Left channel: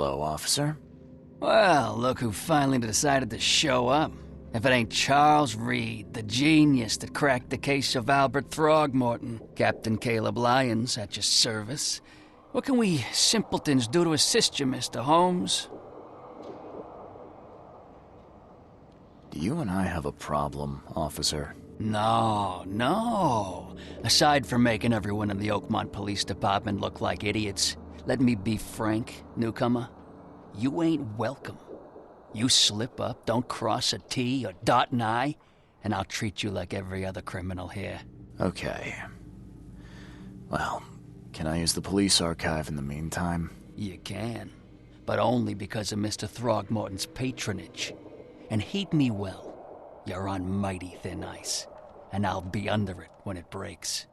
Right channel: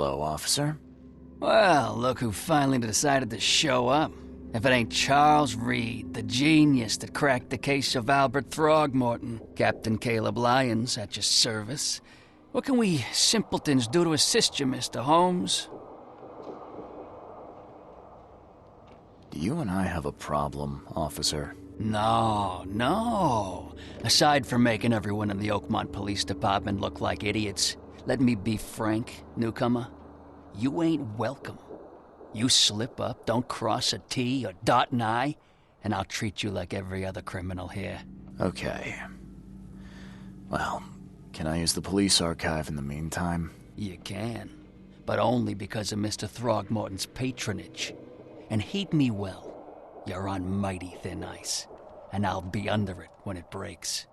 Hello, officer. Well, look who finally decided to show up. If it ain't Charles Reed, the genius that cracked the case of Albert Throgmorton. Captain Caleb Lyons at your service. What can we simpletons do to assist you, Mr. Holmes? Do you and I have a problem, officer? No. Aside from making everyone in the Oakmont Police Department look like idiots, let me be frank, newcomer. You ain't welcome. You slip up, don't cross a T or dot an I, and I'll treat you like every other criminal here. Okay. Well, can I use the police archive in the meantime? You can, but only because of Mr. Throgmorton's patronage. And heed me well, you're on mighty thin ice, and I'll be under it when it breaks.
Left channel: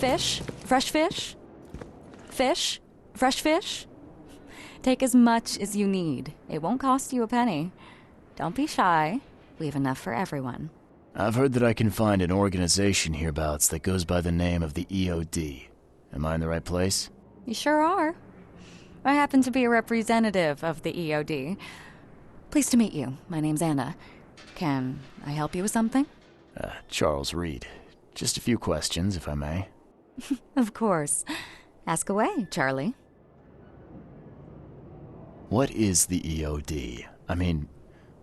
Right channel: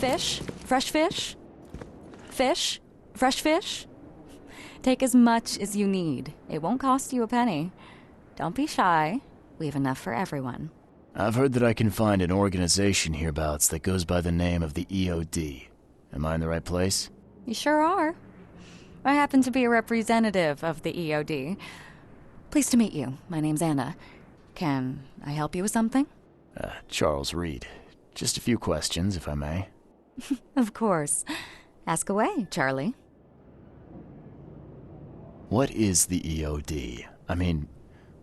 Fish? Fresh fish? Fish? Fresh fish? Take as much as you need. It won't cost you a penny. Don't be shy. We have enough for everyone. I've heard that I can find an organization hereabouts that goes by the name of the EOD. Am I in the right place? You sure are. I happen to be a representative of the EOD. Pleased to meet you. My name's Anna. Can I help you with something? Charles Reed. Just a few questions, if I may. Of course. Ask away, Charlie. What is the EOD? I mean,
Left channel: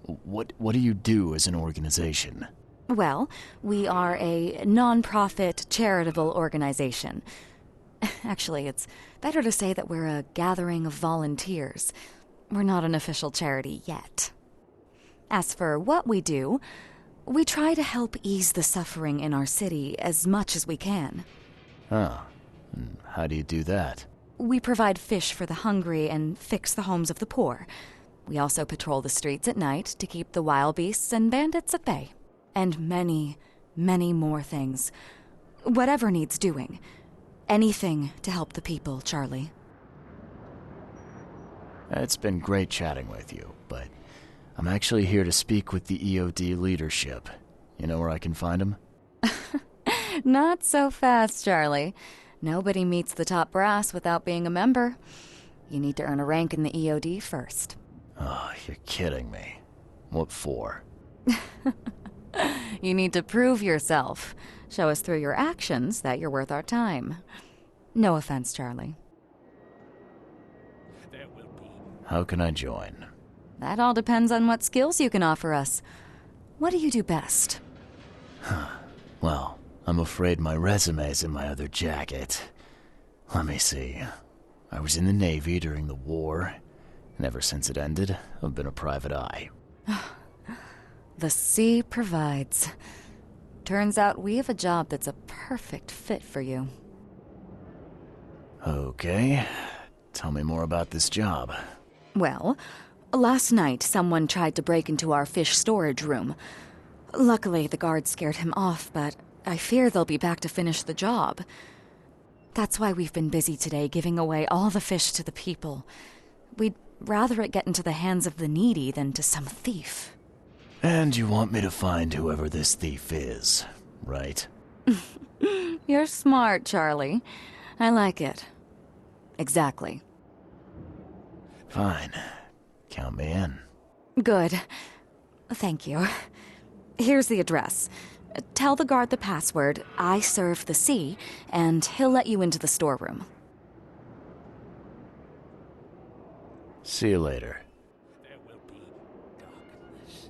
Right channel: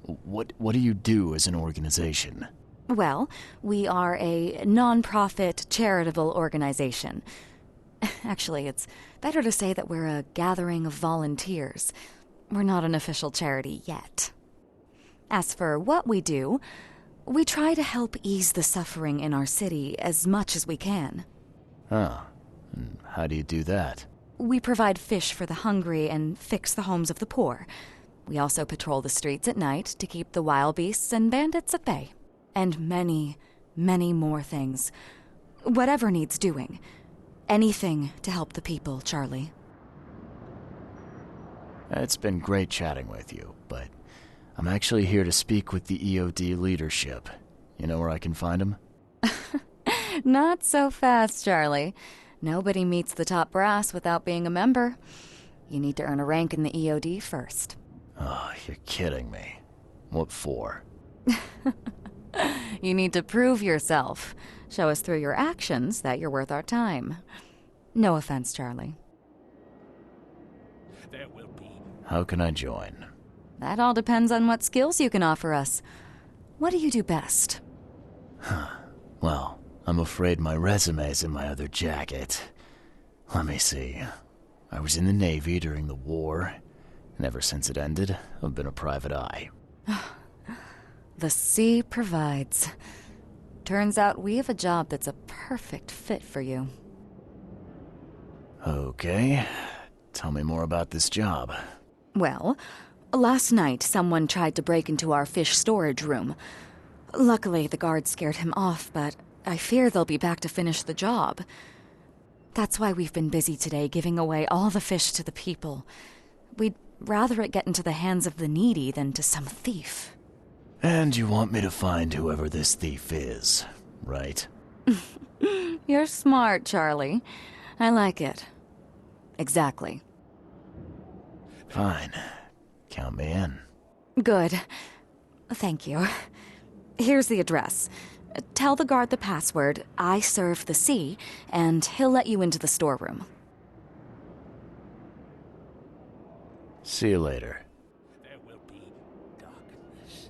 what do you do as an organization? Well, we are a non-profit charitable organization. Actually, it's better to say that we're a gathering of volunteers. We're not an official charity yet. As for what we do, we try to help ease the suffering in our city as much as we can. Oh, and how do you do that? We provide fish for the hungry and fix the homes of the poor. We also patrol the streets at night to keep the wild beasts and bandits at bay. And many, many more things. Whatever needs doing. Anything to help the people, Charlie. It's been great chatting with you, but I'm actually here to speak with the EOD leadership. You know where I can find them? Not so fast, Charlie. Nobody meets the top brass without being a member. You need to earn a rank in the EOD first. Oh, you're kidding me. What for? You need to prove yourself. Show us through your actions that you're worth our time. No offense, Charlie. How can I join? That all depends on what skills you can offer us. What do you do best? Well, I'm afraid my resume's in my other jacket. Let me see. I was in the Navy during the war, and ever since it ended, I've been a private eye. The sea provides. Turns out we have a job that's a perfect fit for you. Okay. Tell me more about this job. Well, last night someone tried to break into our fish storage room. Luckily, the guards scared him off, but I fear they'll be back to finish the job. That's why we've been busy today giving away all the fish to the people. We'd rather it get into the hands of the needy than to some thief. And you want me to find whoever this thief is, right? You're smart, Charlie. I like it. Exactly. Fine. Count me in. Good. Thank you. Here's the address. Tell the guard the password, I serve the sea, and he'll let you into the storeroom. See you later. There will be darkness.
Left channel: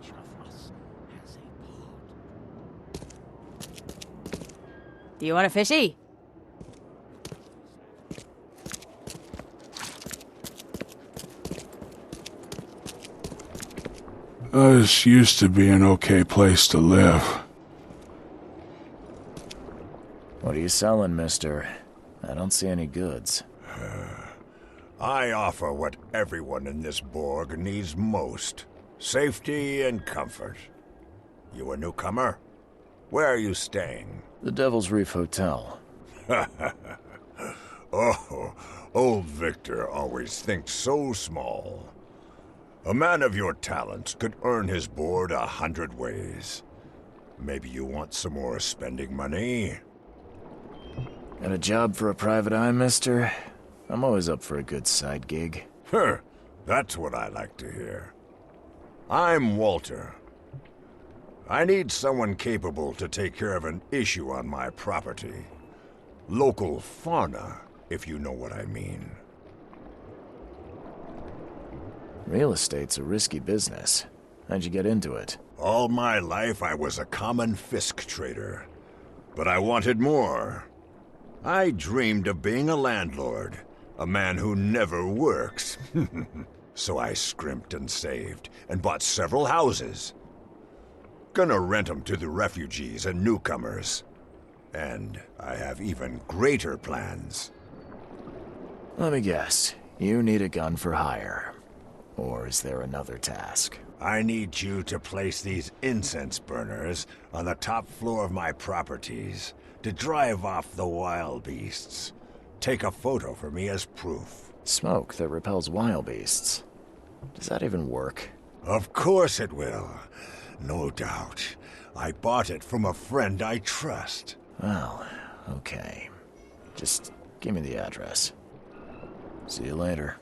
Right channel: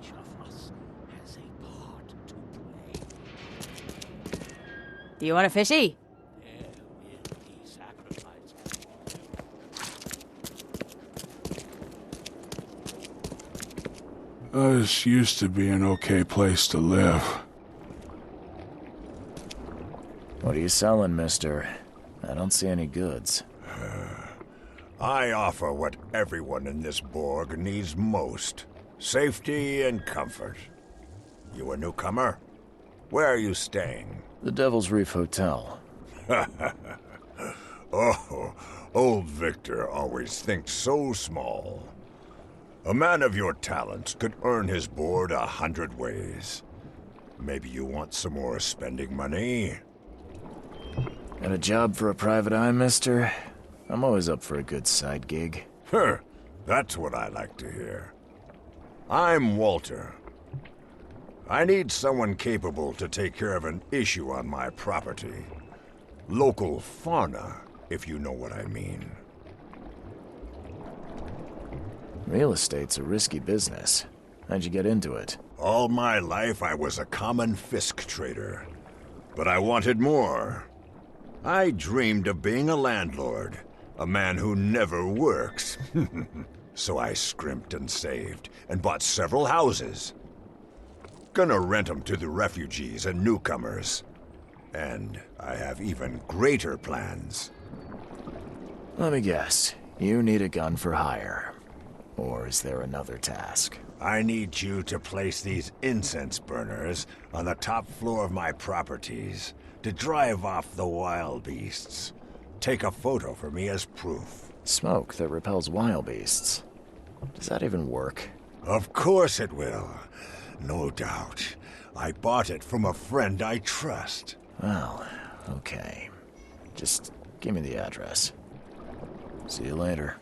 Each of us has a part to play. Do you want a fishy? This used to be an okay place to live. What are you selling, mister? I don't see any goods. I offer what everyone in this Borg needs most. Safety and comfort. You a newcomer? Where are you staying? The Devil's Reef Hotel. Oh, old Victor always thinks so small. A man of your talents could earn his board 100 ways. Maybe you want some more spending money? Got a job for a private eye, mister? I'm always up for a good side gig. That's what I like to hear. I'm Walter. I need someone capable to take care of an issue on my property. Local fauna, if you know what I mean. Real estate's a risky business. How'd you get into it? All my life I was a common fisk trader. But I wanted more. I dreamed of being a landlord. A man who never works. So I scrimped and saved, and bought several houses. Gonna rent them to the refugees and newcomers. And I have even greater plans. Let me guess. You need a gun for hire. Or is there another task? I need you to place these incense burners on the top floor of my properties to drive off the wild beasts. Take a photo for me as proof. Smoke that repels wild beasts. Does that even work? Of course it will. No doubt. I bought it from a friend I trust. Well, okay. Just give me the address. See you later.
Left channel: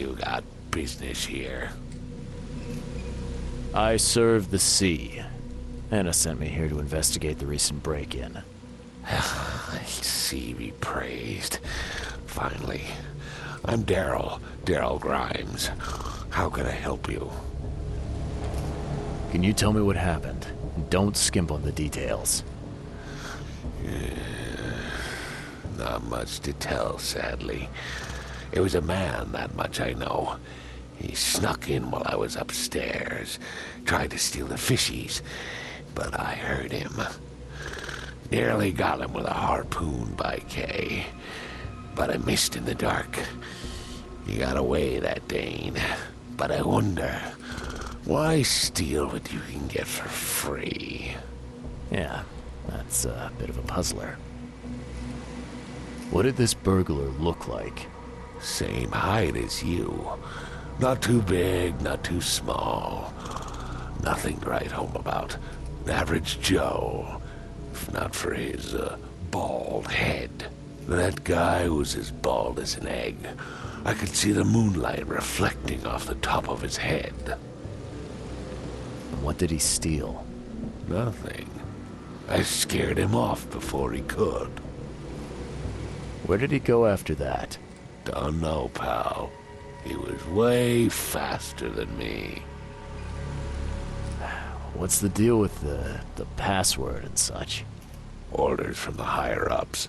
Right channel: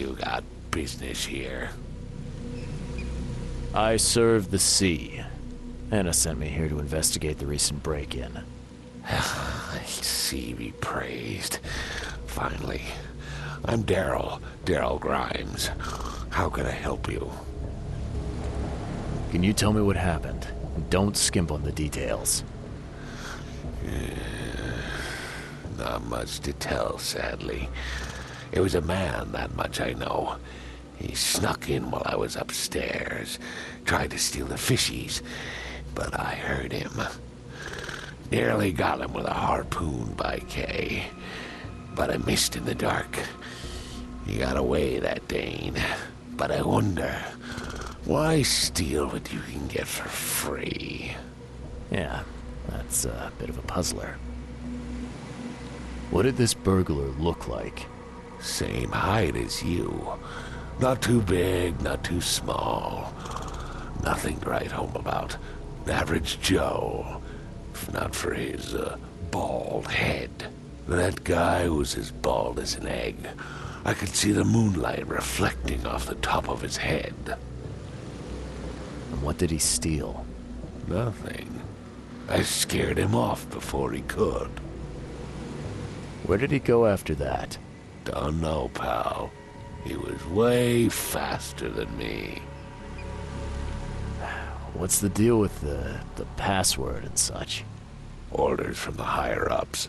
you got business here? I serve the sea. Anna sent me here to investigate the recent break-in. Sea be praised. Finally. I'm Daryl Grimes. How can I help you? Can you tell me what happened? Don't skimp on the details. Not much to tell, sadly. It was a man, that much I know. He snuck in while I was upstairs, tried to steal the fishies, but I heard him. Nearly got him with a harpoon by Kay, but I missed in the dark. He got away, that Dane, but I wonder, why steal what you can get for free? Yeah, that's a bit of a puzzler. What did this burglar look like? Same height as you. Not too big, not too small. Nothing to write home about. An average Joe. If not for his, bald head. That guy was as bald as an egg. I could see the moonlight reflecting off the top of his head. And what did he steal? Nothing. I scared him off before he could. Where did he go after that? Don't know, pal. He was way faster than me. What's the deal with the password and such? Orders from the higher-ups.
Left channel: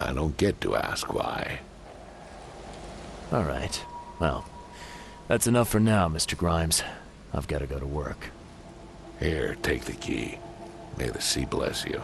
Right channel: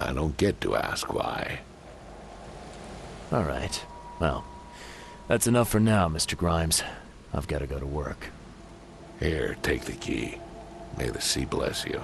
I don't get to ask why. All right. Well, that's enough for now, Mr. Grimes. I've got to go to work. Here, take the key. May the sea bless you.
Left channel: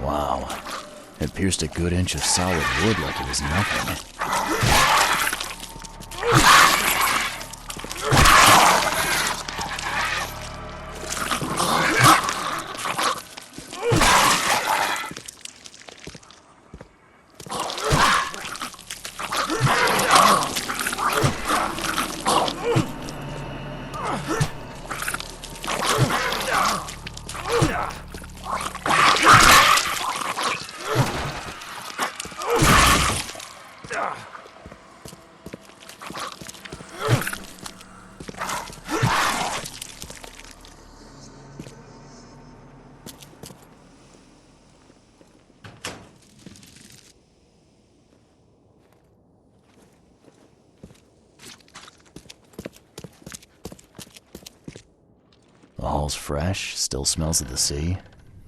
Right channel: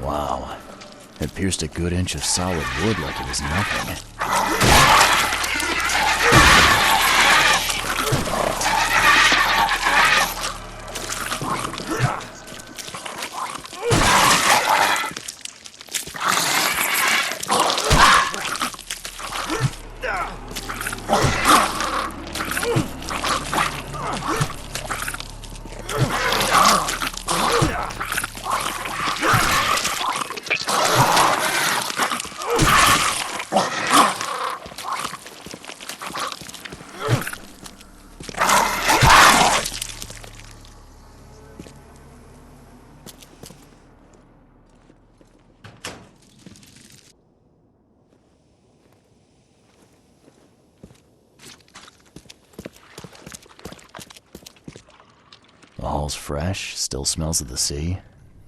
Wow. It pierced a good inch of solid wood like it was nothing. The hall's fresh, still smells of the sea.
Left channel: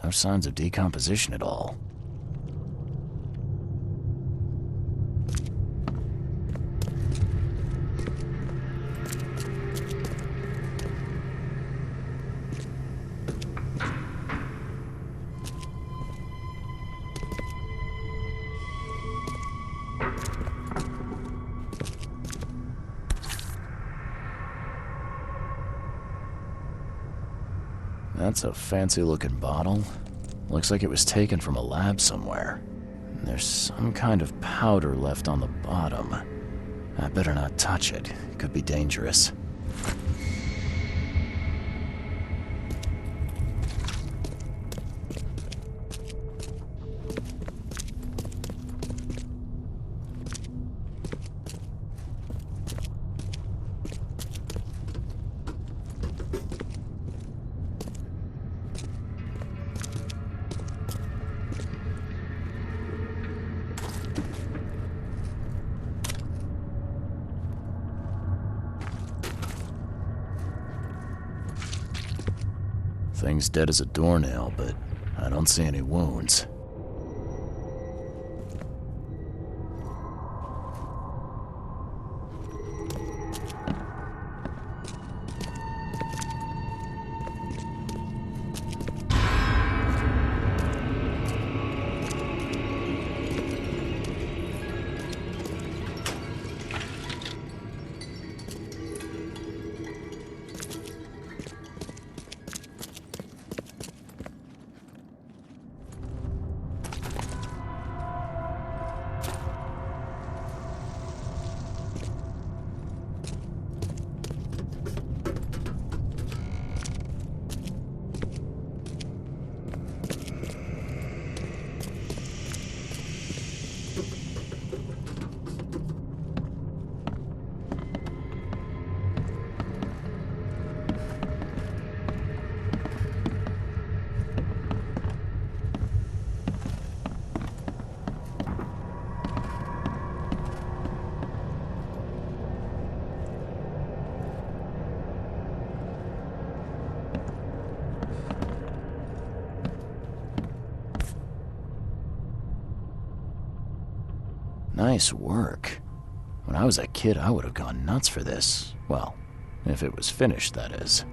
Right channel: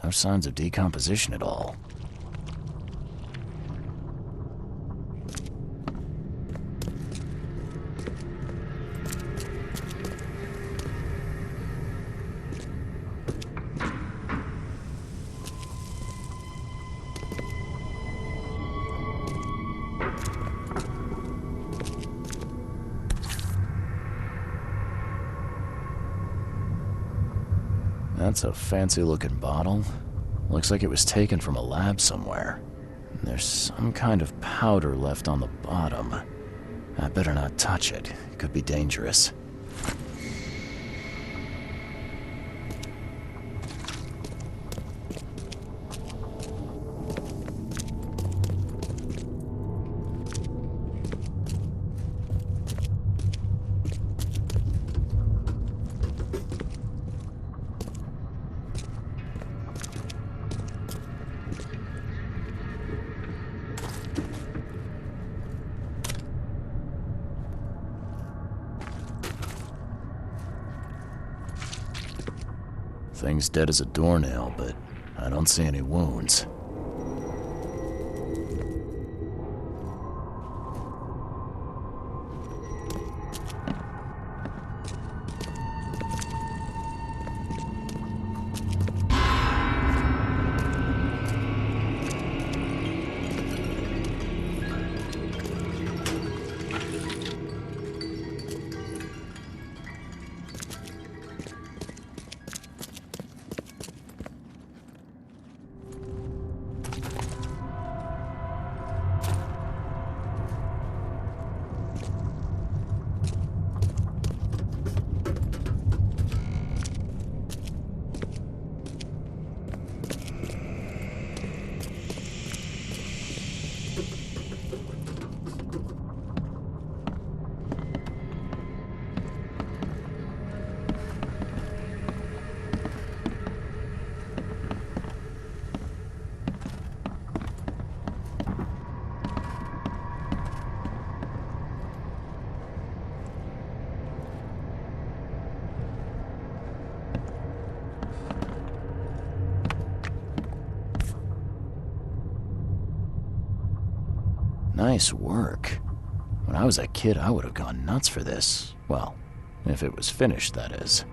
No signs of decomposition at all. That's a fancy-looking bottle. Looks like it was taken from a lab somewhere. There's some kind of powder left on the bottom. I better not touch it. It could be dangerous. Thing's dead as a doornail, but I don't see any wounds. Nice work. When I was a kid, I would have gone nuts for this. Well, if it was finished, that is.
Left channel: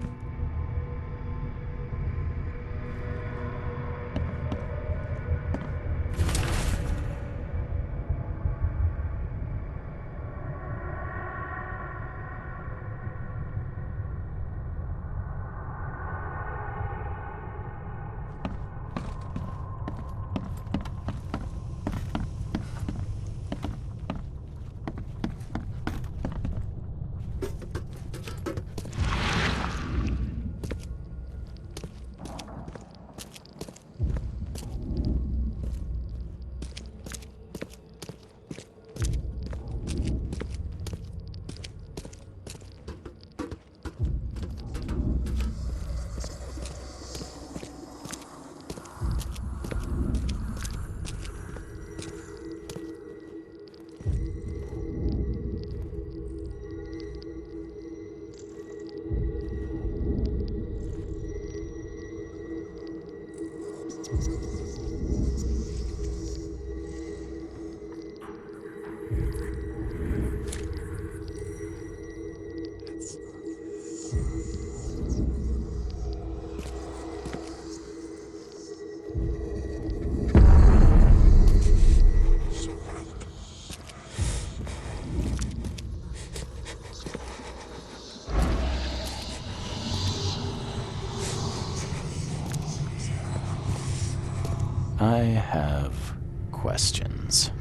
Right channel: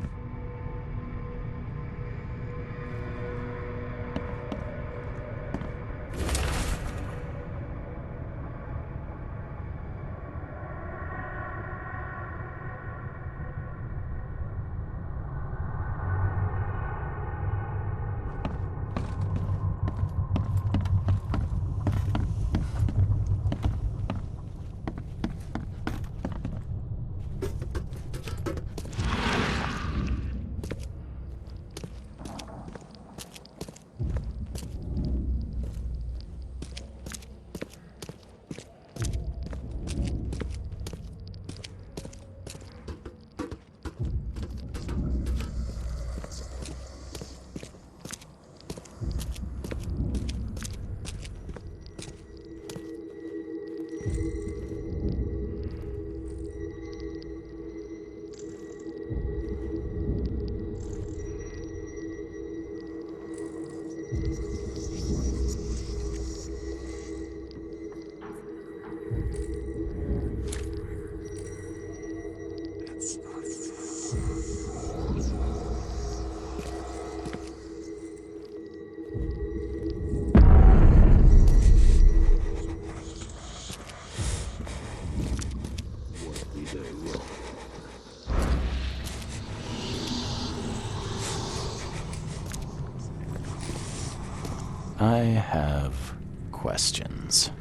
I have questions.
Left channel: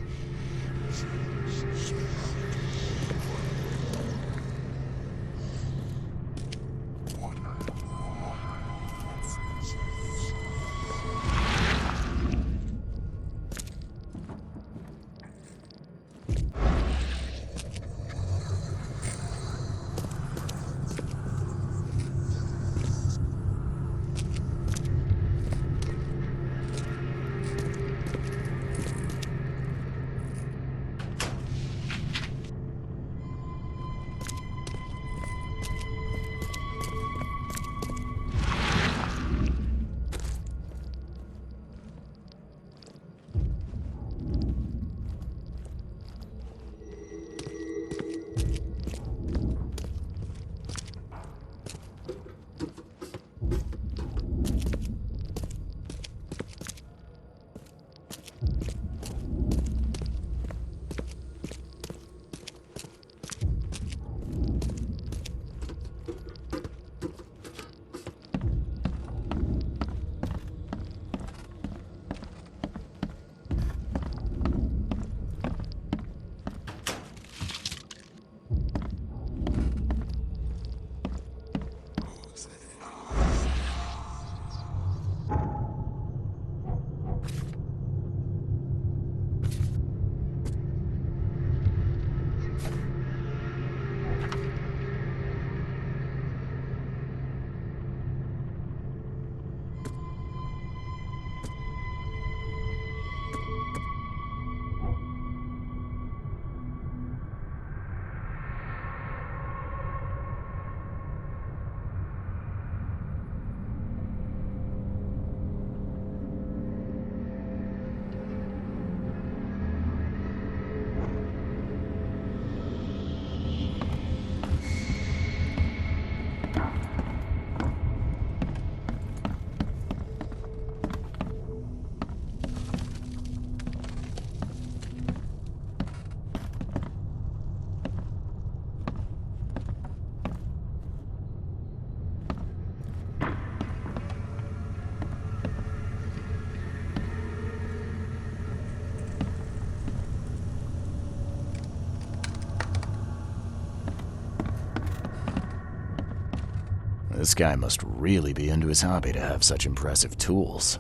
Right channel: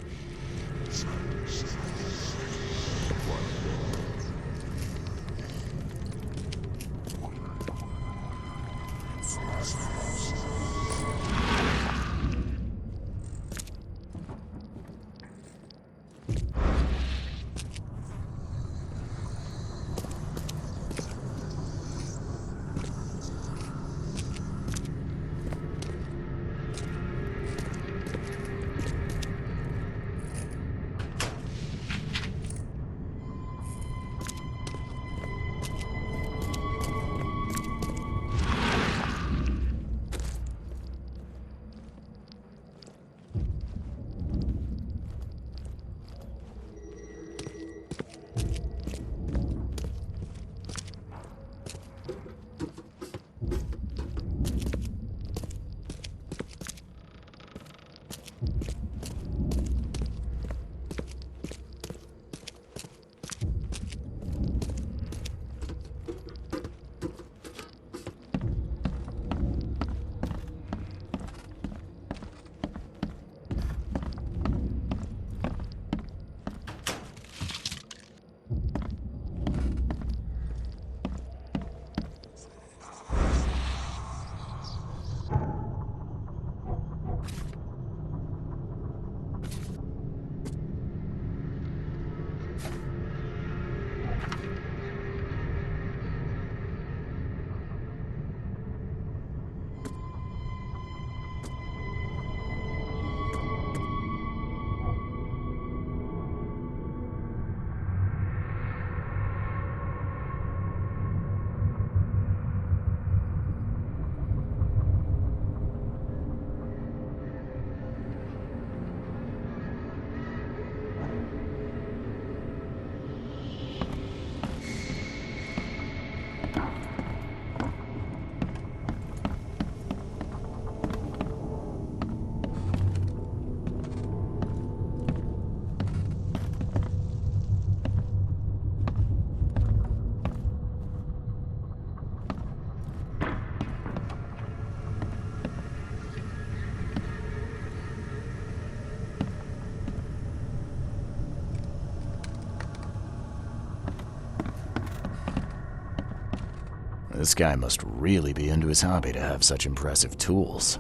This guy must really be into his hobby to have such impressive tools.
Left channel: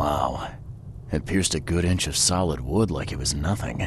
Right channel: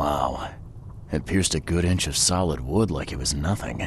Wow. It pierced a good inch of solid wood like it was nothing.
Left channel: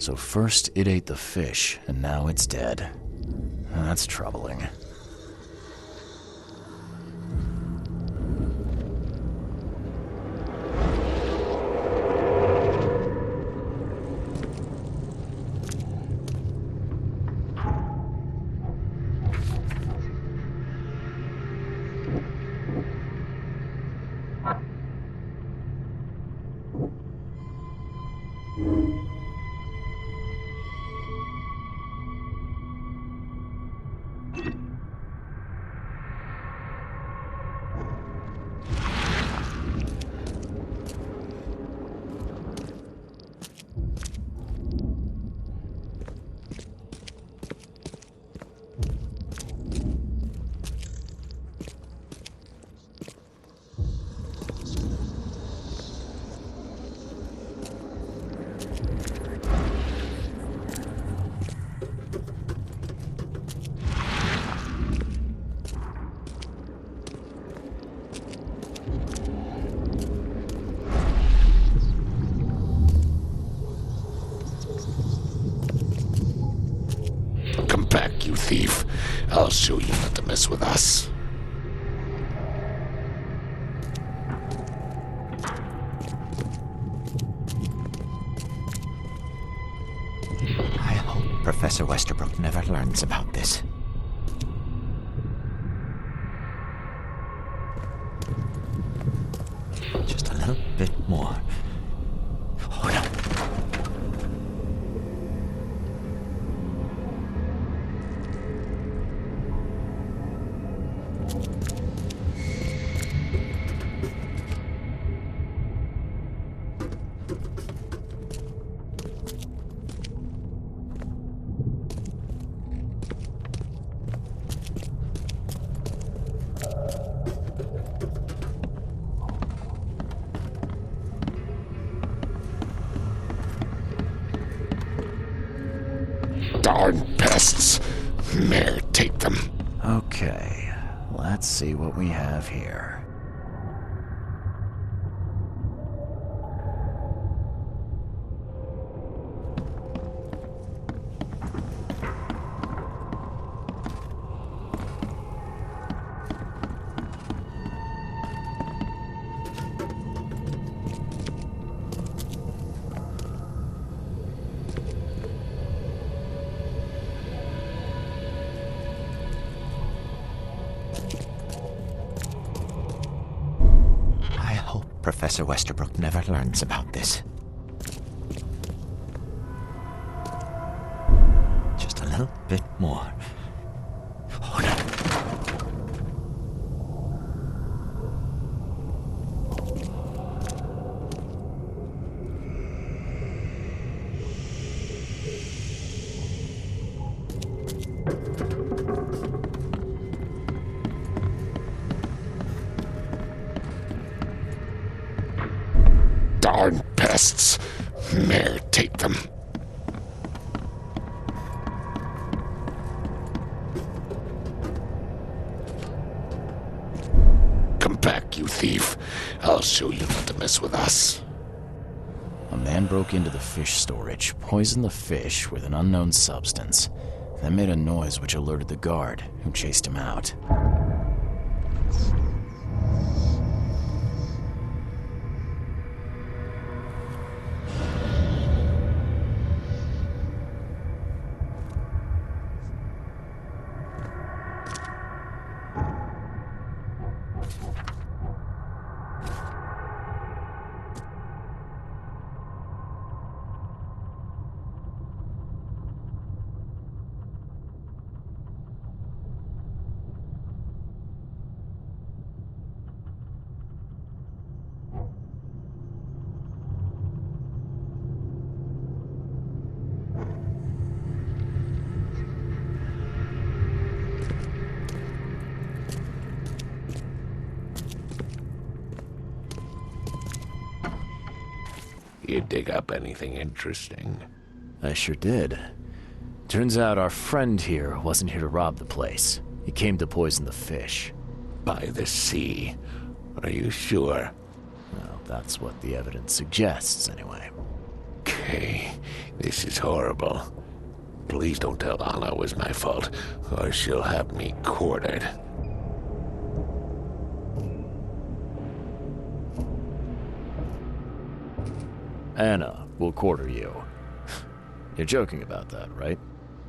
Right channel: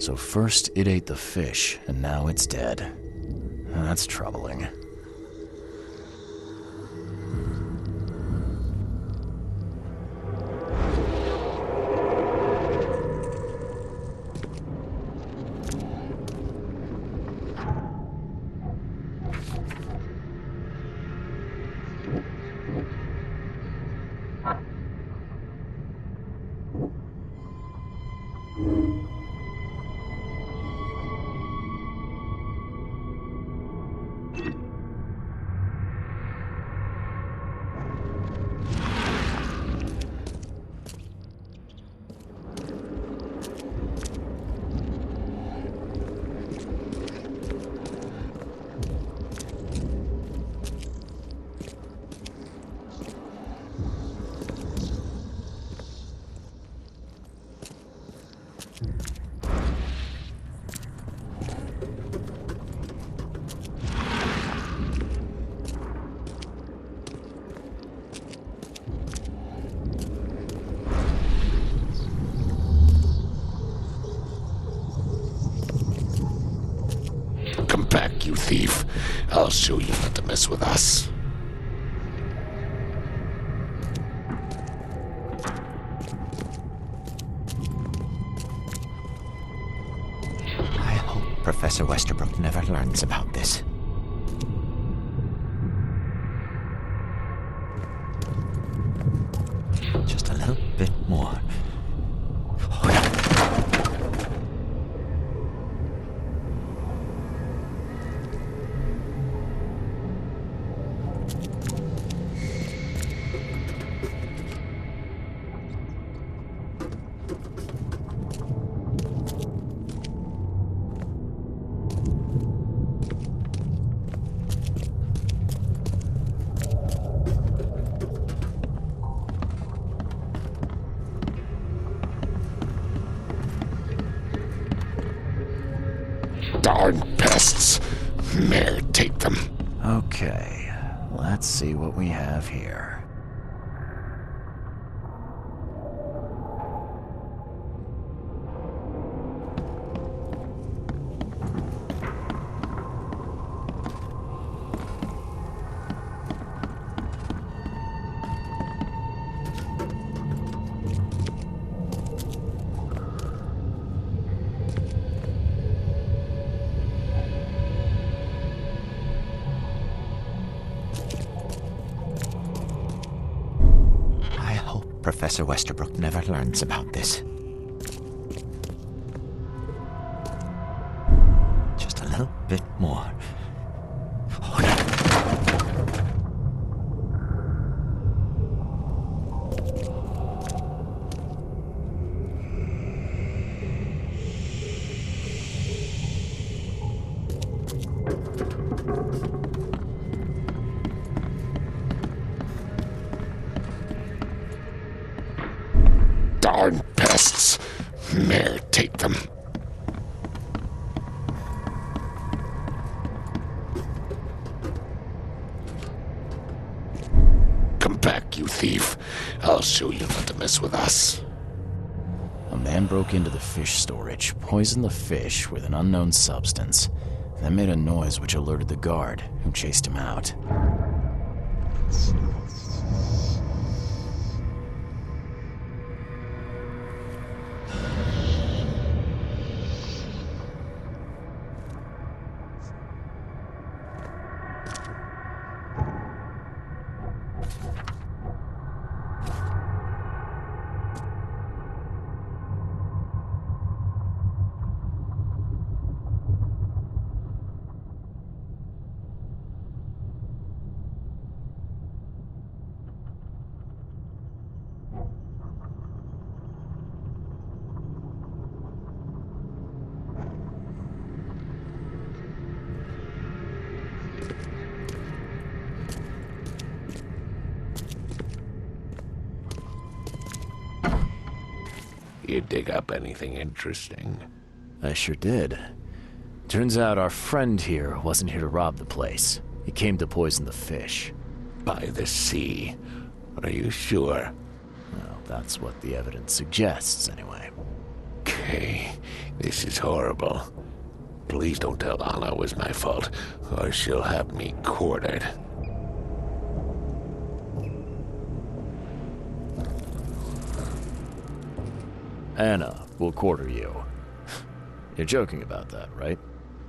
So first it ate the fish, and now it's dead. That's troubling. Come back, you thief. I'll show you not to mess with us. I hope Professor Westerbrook never learns about this. Just a little bit more. Darn pests. Mayor, take them. Okay, let's see what we have here. Professor Westerbrook never learns about this. Just a little bit more. Darn pests. Mayor, take them. Come back, you thief. I'll show you not to mess with us. A man broke into the fish storage, poisoned the fish with an unknown substance, then made a noise which alerted the guard, who chased him out. You dig up anything interesting? I sure did. Turns out our friend here wasn't here to rob the place. He came to poison the fish. By the sea. Are you sure? Well, that's what the evidence suggests, anyway. Okay, this is horrible. Please don't tell Anna it was my fault, or she'll have me quartered. Anna will quarter you. You're joking about that, right?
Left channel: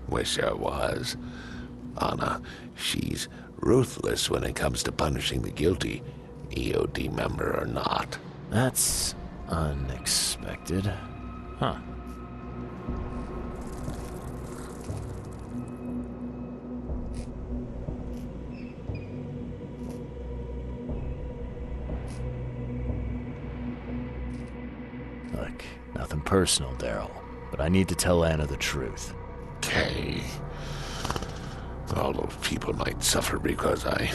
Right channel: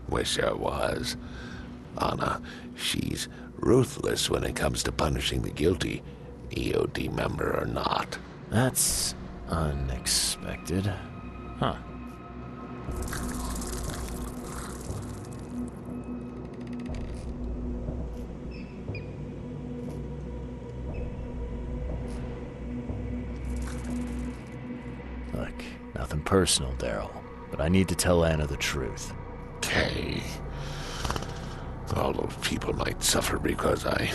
Wish I was. Anna, she's ruthless when it comes to punishing the guilty, EOD member or not. That's unexpected. Huh. Look, nothing personal, Daryl, but I need to tell Anna the truth. Okay. All those people might suffer because I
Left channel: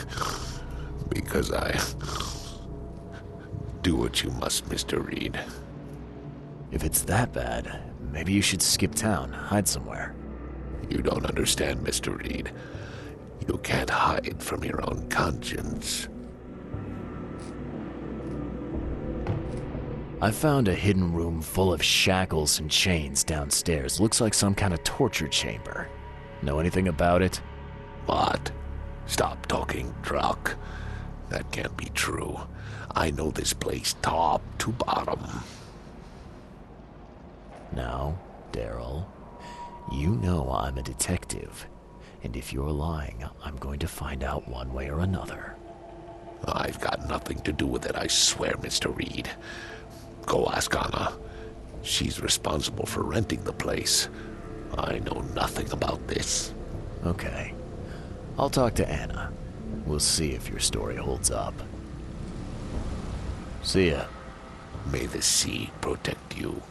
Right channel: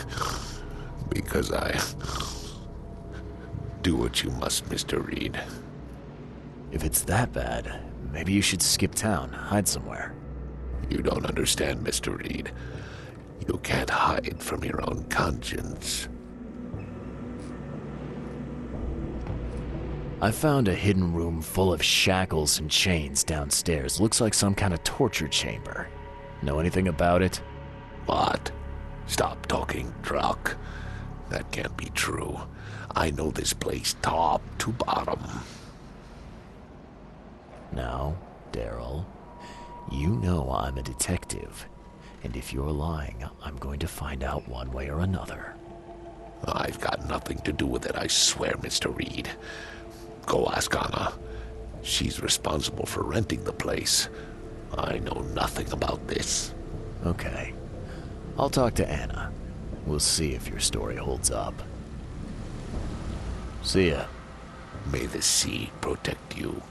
do what you must, Mr. Reed. If it's that bad, maybe you should skip town, hide somewhere. You don't understand, Mr. Reed. You can't hide from your own conscience. I found a hidden room full of shackles and chains downstairs. Looks like some kind of torture chamber. Know anything about it? What? Stop talking truck. That can't be true. I know this place top to bottom. Now, Daryl, you know I'm a detective. And if you're lying, I'm going to find out one way or another. I've got nothing to do with it, I swear, Mr. Reed. Go ask Anna. She's responsible for renting the place. I know nothing about this. Okay. I'll talk to Anna. We'll see if your story holds up. See ya. May the sea protect you.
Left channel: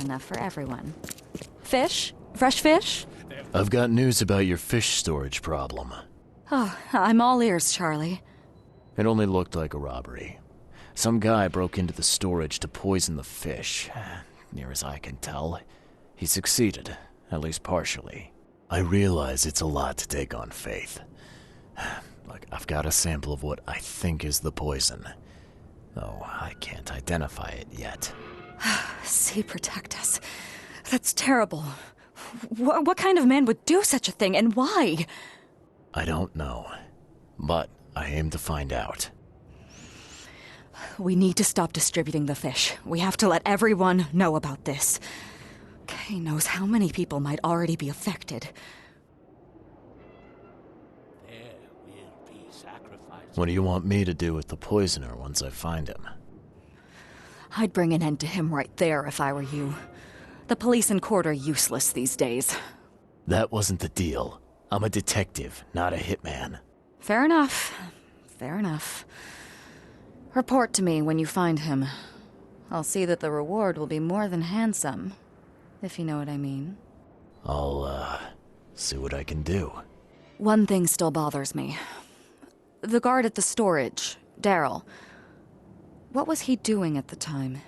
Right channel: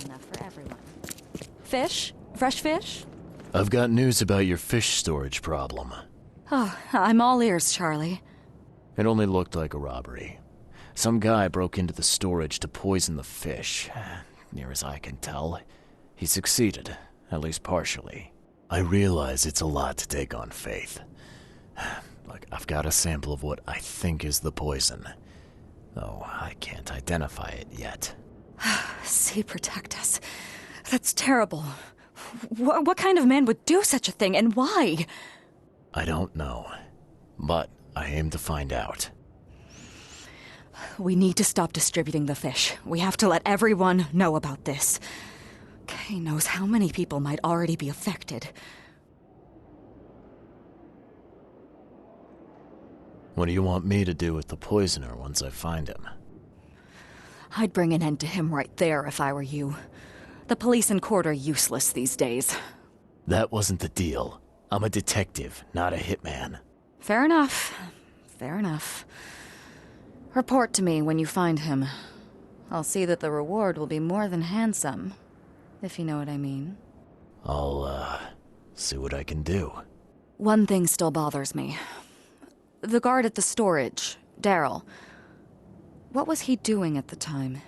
good enough for everyone. Fish? Fresh fish? I've got news about your fish storage problem. Oh, I'm all ears, Charlie. It only looked like a robbery. Some guy broke into the storage to poison the fish. Near as I can tell, he succeeded, at least partially. I realize it's a lot to take on faith. Look, I've got a sample of what I think is the poison, though I can't identify it yet. See, protect us. That's terrible. What kind of man would do such a thing, and why? I don't know, but I aim to find out. We need to stop distributing the fish. We have to let everyone know about this. Kay knows how many people might already be affected. What do you want me to do with the poisoner once I find him? I'd bring an end to him right there if I were you. The police and court are useless these days. That wasn't the deal. I'm a detective, not a hitman. Fair enough. Fair enough. Report to me when you find him. I'll see that the reward will be more than handsome, if you know what I mean. I'll, see what I can do. One thing still bothers me. The guard at the storage, Daryl. What was he doing at the time?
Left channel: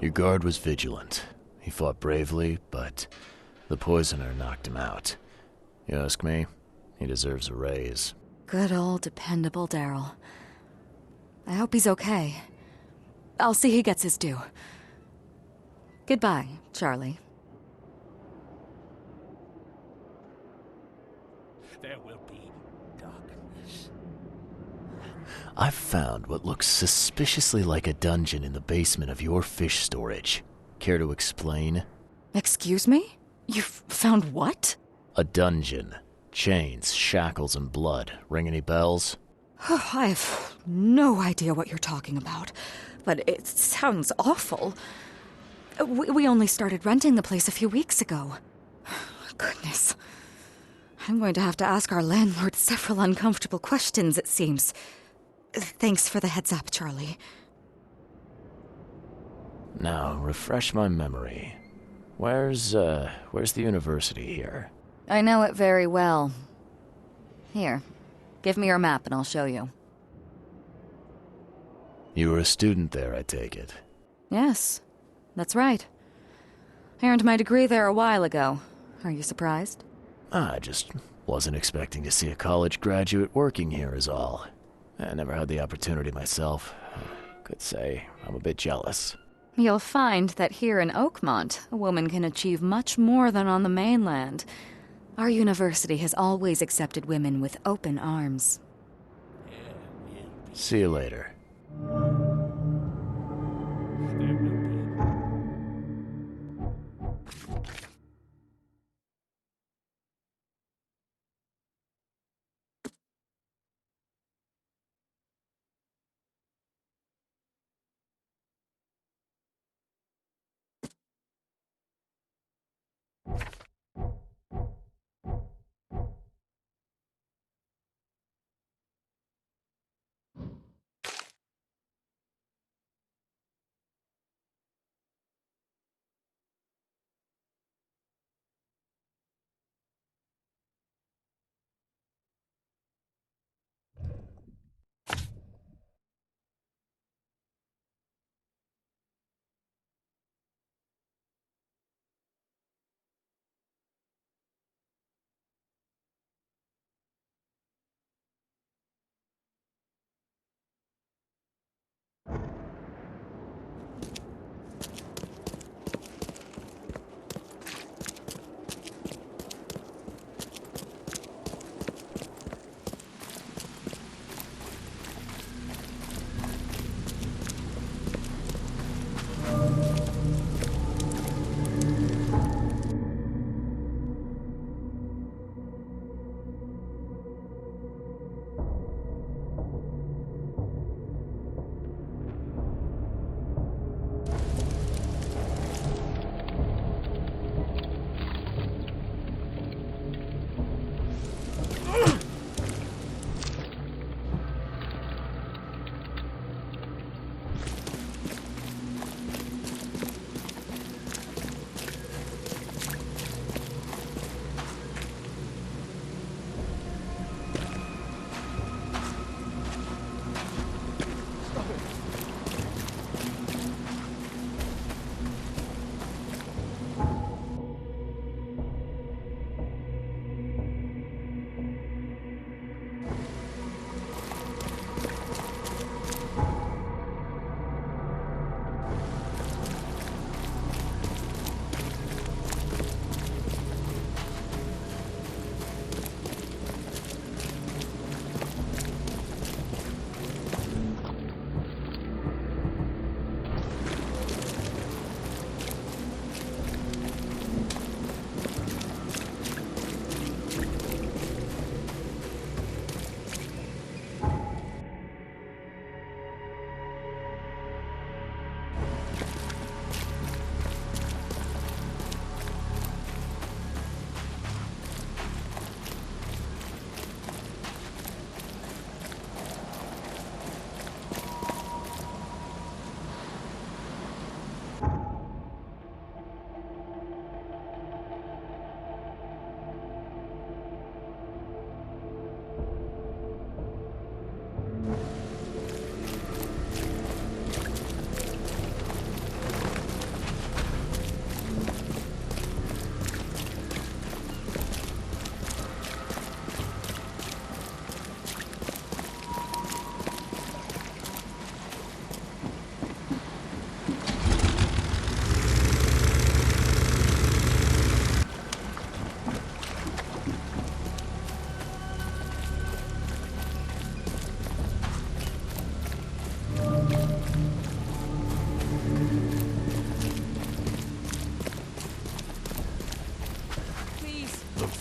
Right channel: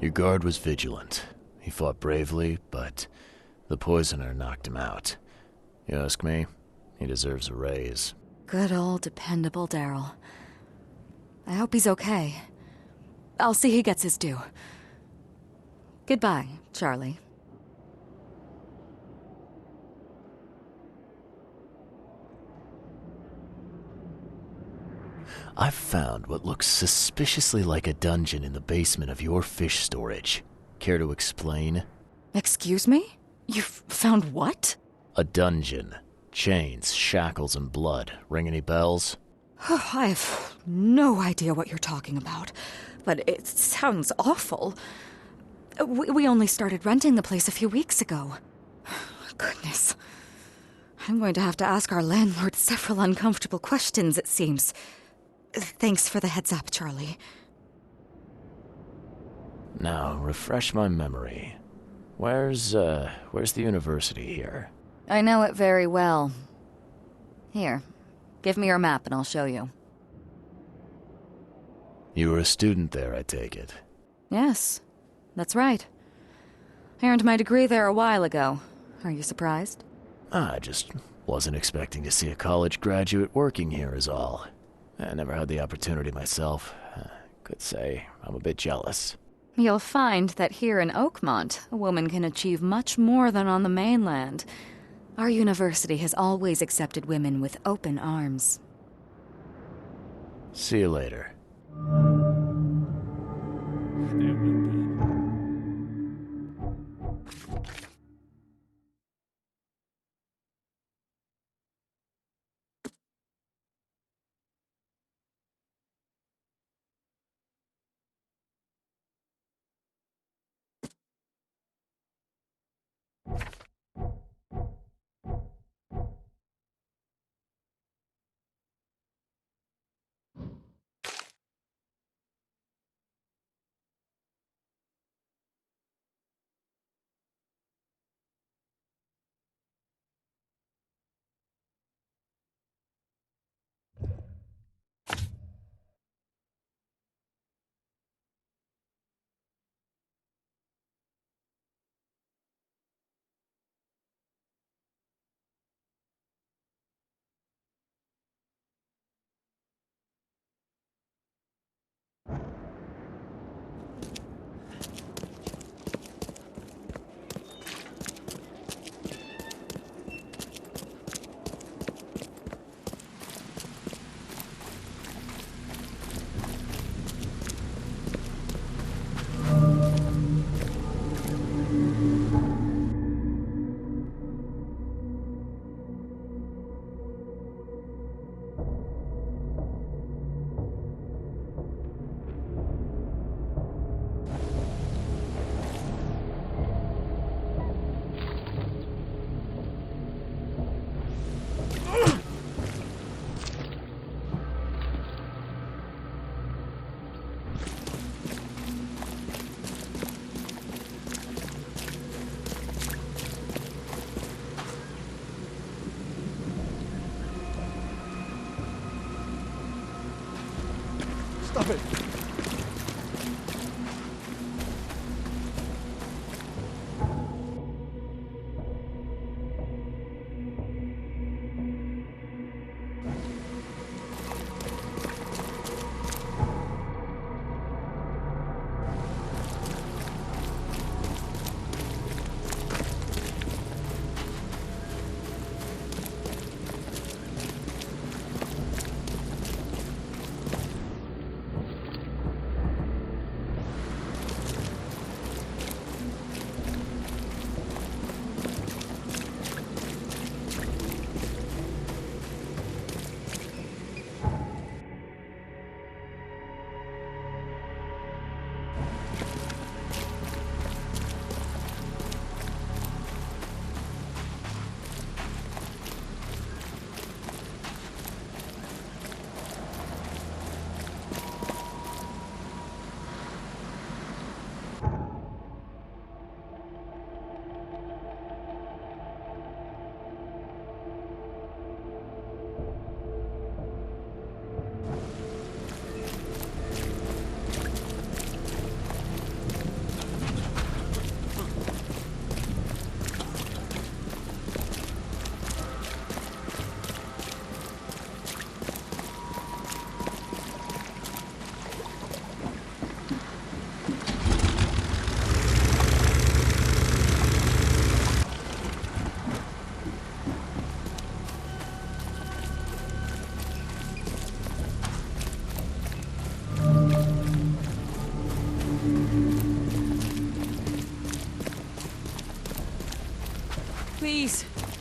Your guard was vigilant. He fought bravely, but the poisoner knocked him out. You ask me, he deserves a raise. Good old dependable Daryl. I hope he's okay. I'll see he gets his due. Goodbye, Charlie. I've found what looks suspiciously like a dungeon in the basement of your fish storage. Care to explain? Excuse me? You've found what? A dungeon. Chains, shackles, and blood. Ring any bells? I have no idea what you're talking about, but it sounds awful. We only started renting the place a few weeks ago. Goodness. I'm going to have to ask our landlord several uncomfortable questions, it seems. Thanks for the heads up, Charlie. Now, refresh my memory. Where's the university here? I know it very well. Here, give me your map and I'll show you. You were a student there, I take it. Yes, that's right. I earned my degree there a while ago. Are you surprised? I just wasn't expecting to see a college graduate working here is all. I never had the opportunity myself. Could say I'm a bit jealous. You'll find that here in Oakmont, a woman can achieve much more than on the mainland. Our university has always accepted women with open arms. See you later.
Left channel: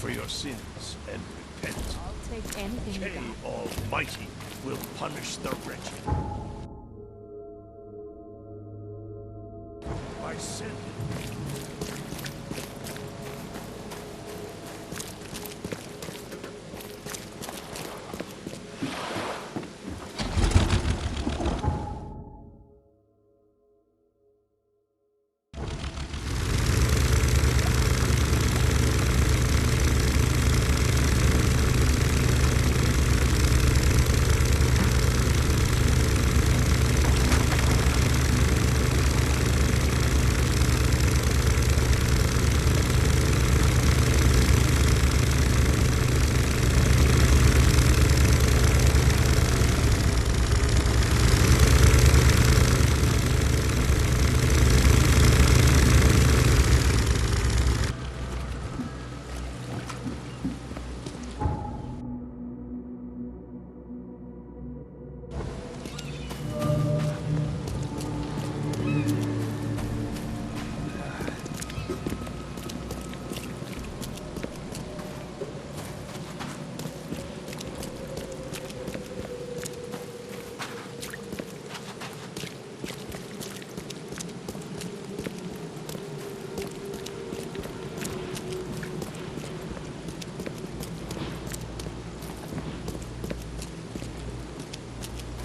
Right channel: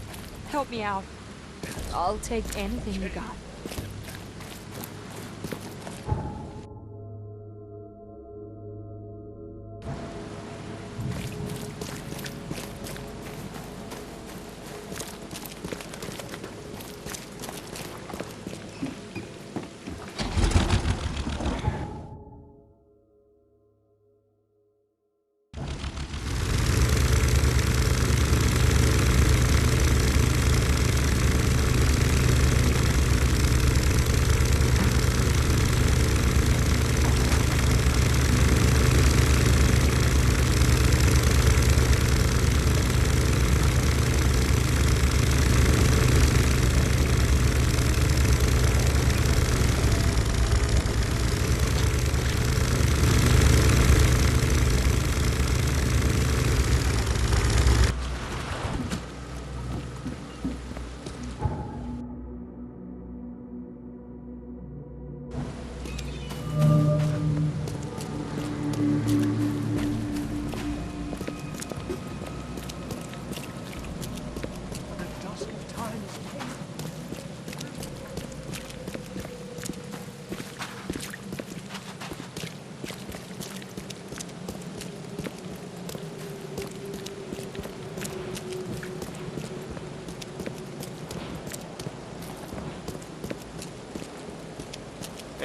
Please, help me out. I'll take anything you got. Almighty will punish the rich. My sin.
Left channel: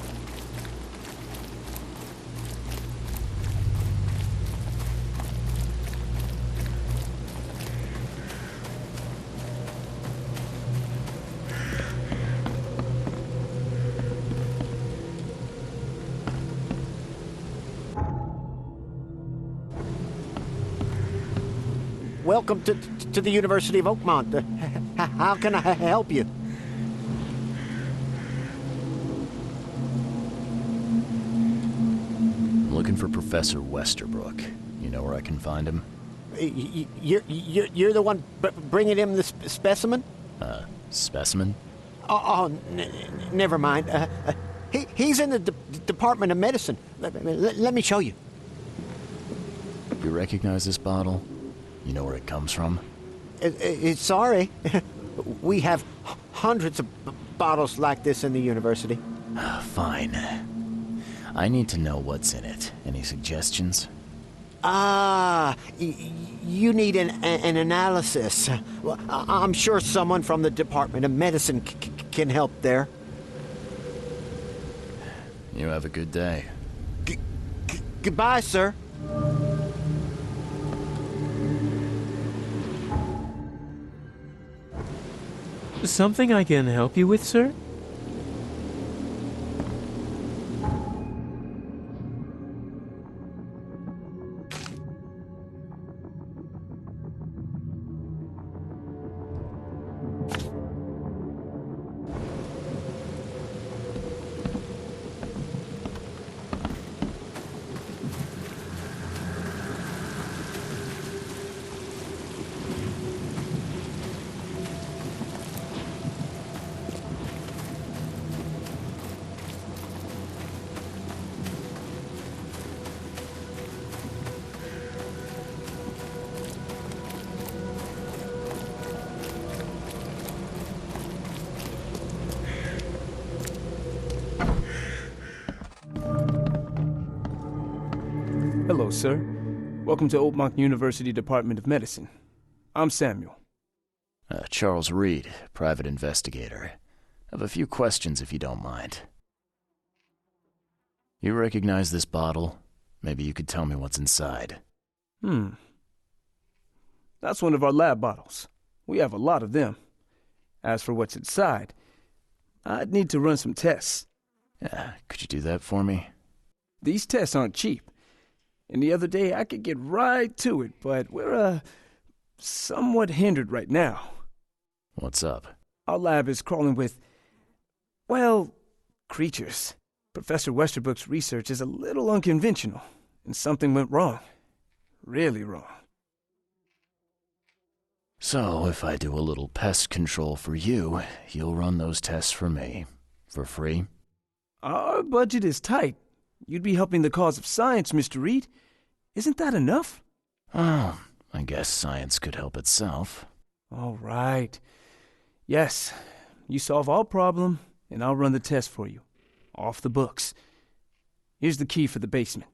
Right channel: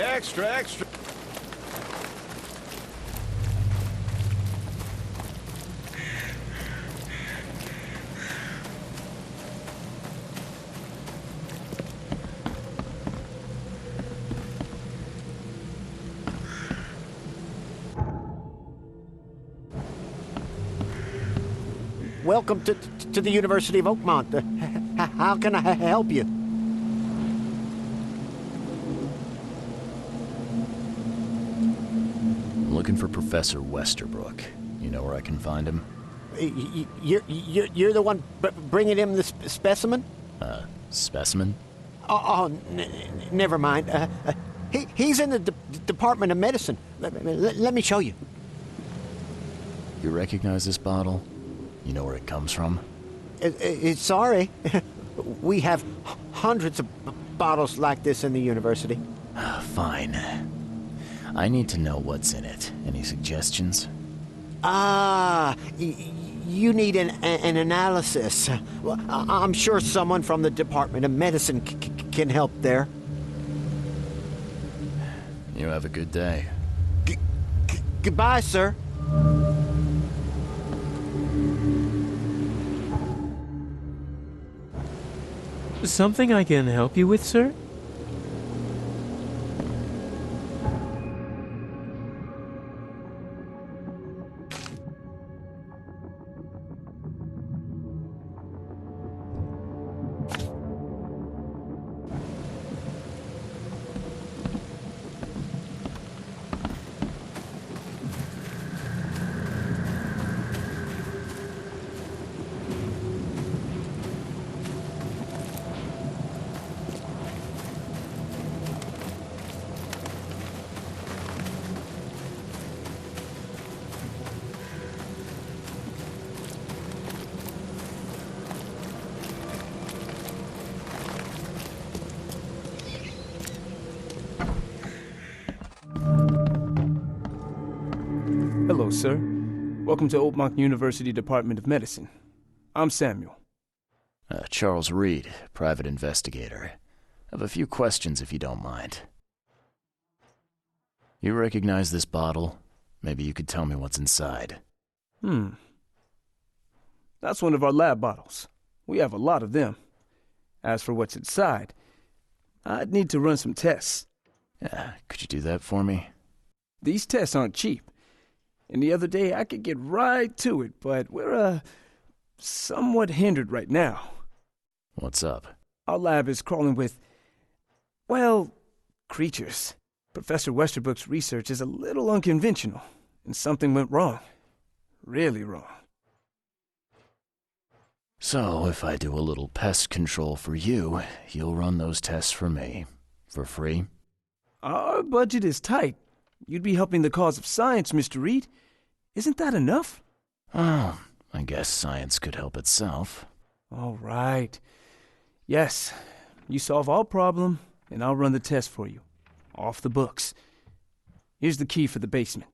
Extra. Welcome to the University of Oakmont. How can I help you? I'm looking for Professor Westerbrook. You know where I can find him? You're the one bringing him the specimen? Specimen? Never mind. He's in the Department of Medicine. Let me show you. You recognize this bottle? You know where it comes from? Sorry. We have hundreds of bottles like this in the university. Fine. I need to know what's in it. Any suggestions? You need an analysis. Well, I'm sure someone from the Department of Medicine can help there. You have a good day. Goodbye, sir. Something I can help you with, sir? Hello, sir. Welcome to Oakmont University Department of Medicine. I'm Samuel. Charles Reed, private investigator. I have a few questions if you don't mind. You recognize this bottle? Maybe you could tell me what's inside. That's one of our lab bottles. We have a lot of them. As for what's inside, I'd need to run some tests. Could you do that for me? These tests aren't cheap. And the other day I could get right to it, but we're, somewhat hindered right now. What's up? Our lab is crawling with, well, creatures. Professor Westerbrook's research is a little unconventional, and something went wrong. Really wrong. So, if I do a little pest control for you, you'll run those tests for me. For free? Our budget is tight. You'd be helping the cause of science, Mr. Reed. Isn't that enough? Oh, I guess science could help itself. All right. Yes, you solve all problem, and I'll run the test for you. Off the books. Here's the key for the basement.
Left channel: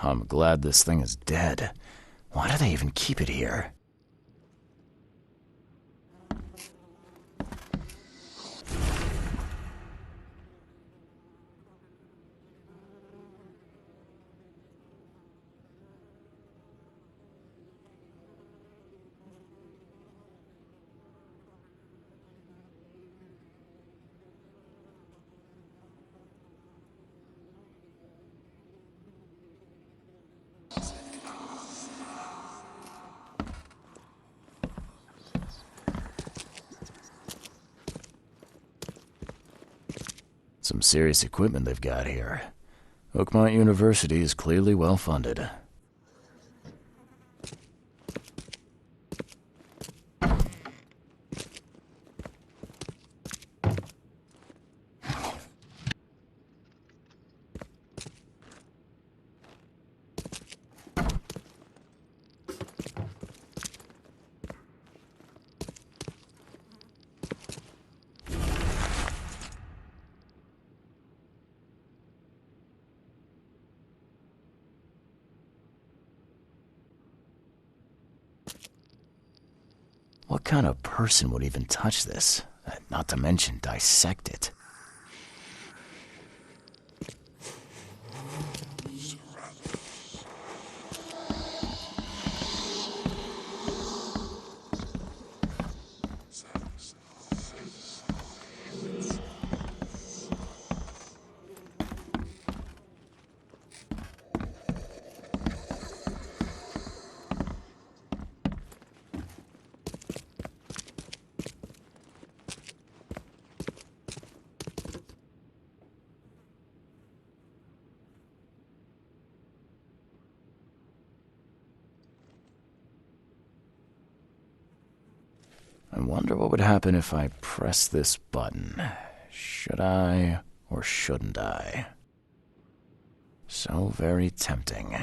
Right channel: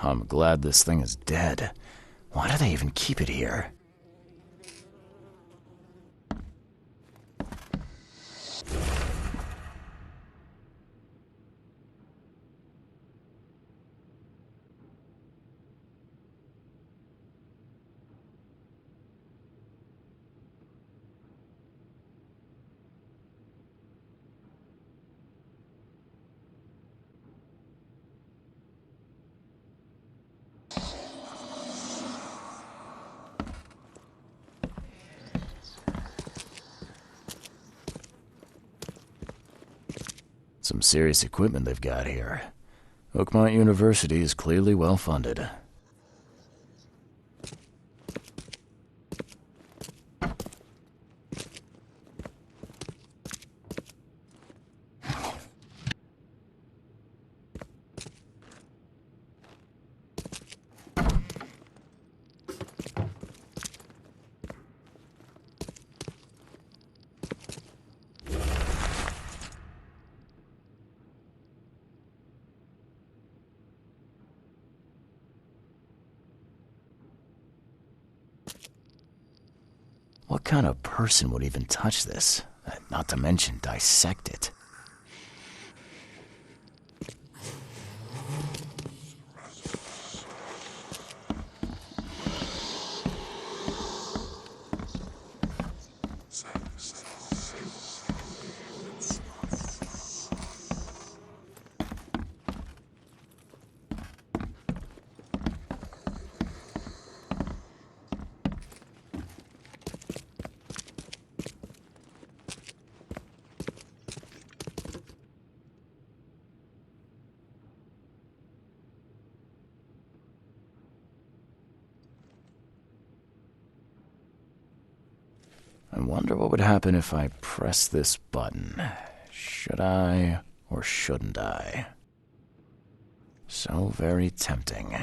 I'm glad this thing is dead. Why do they even keep it here? Some serious equipment they've got here. Oakmont University is clearly well funded. What kind of person would even touch this? Not to mention dissect it. I wonder what would happen if I press this button. Should I or shouldn't I? So very tempting.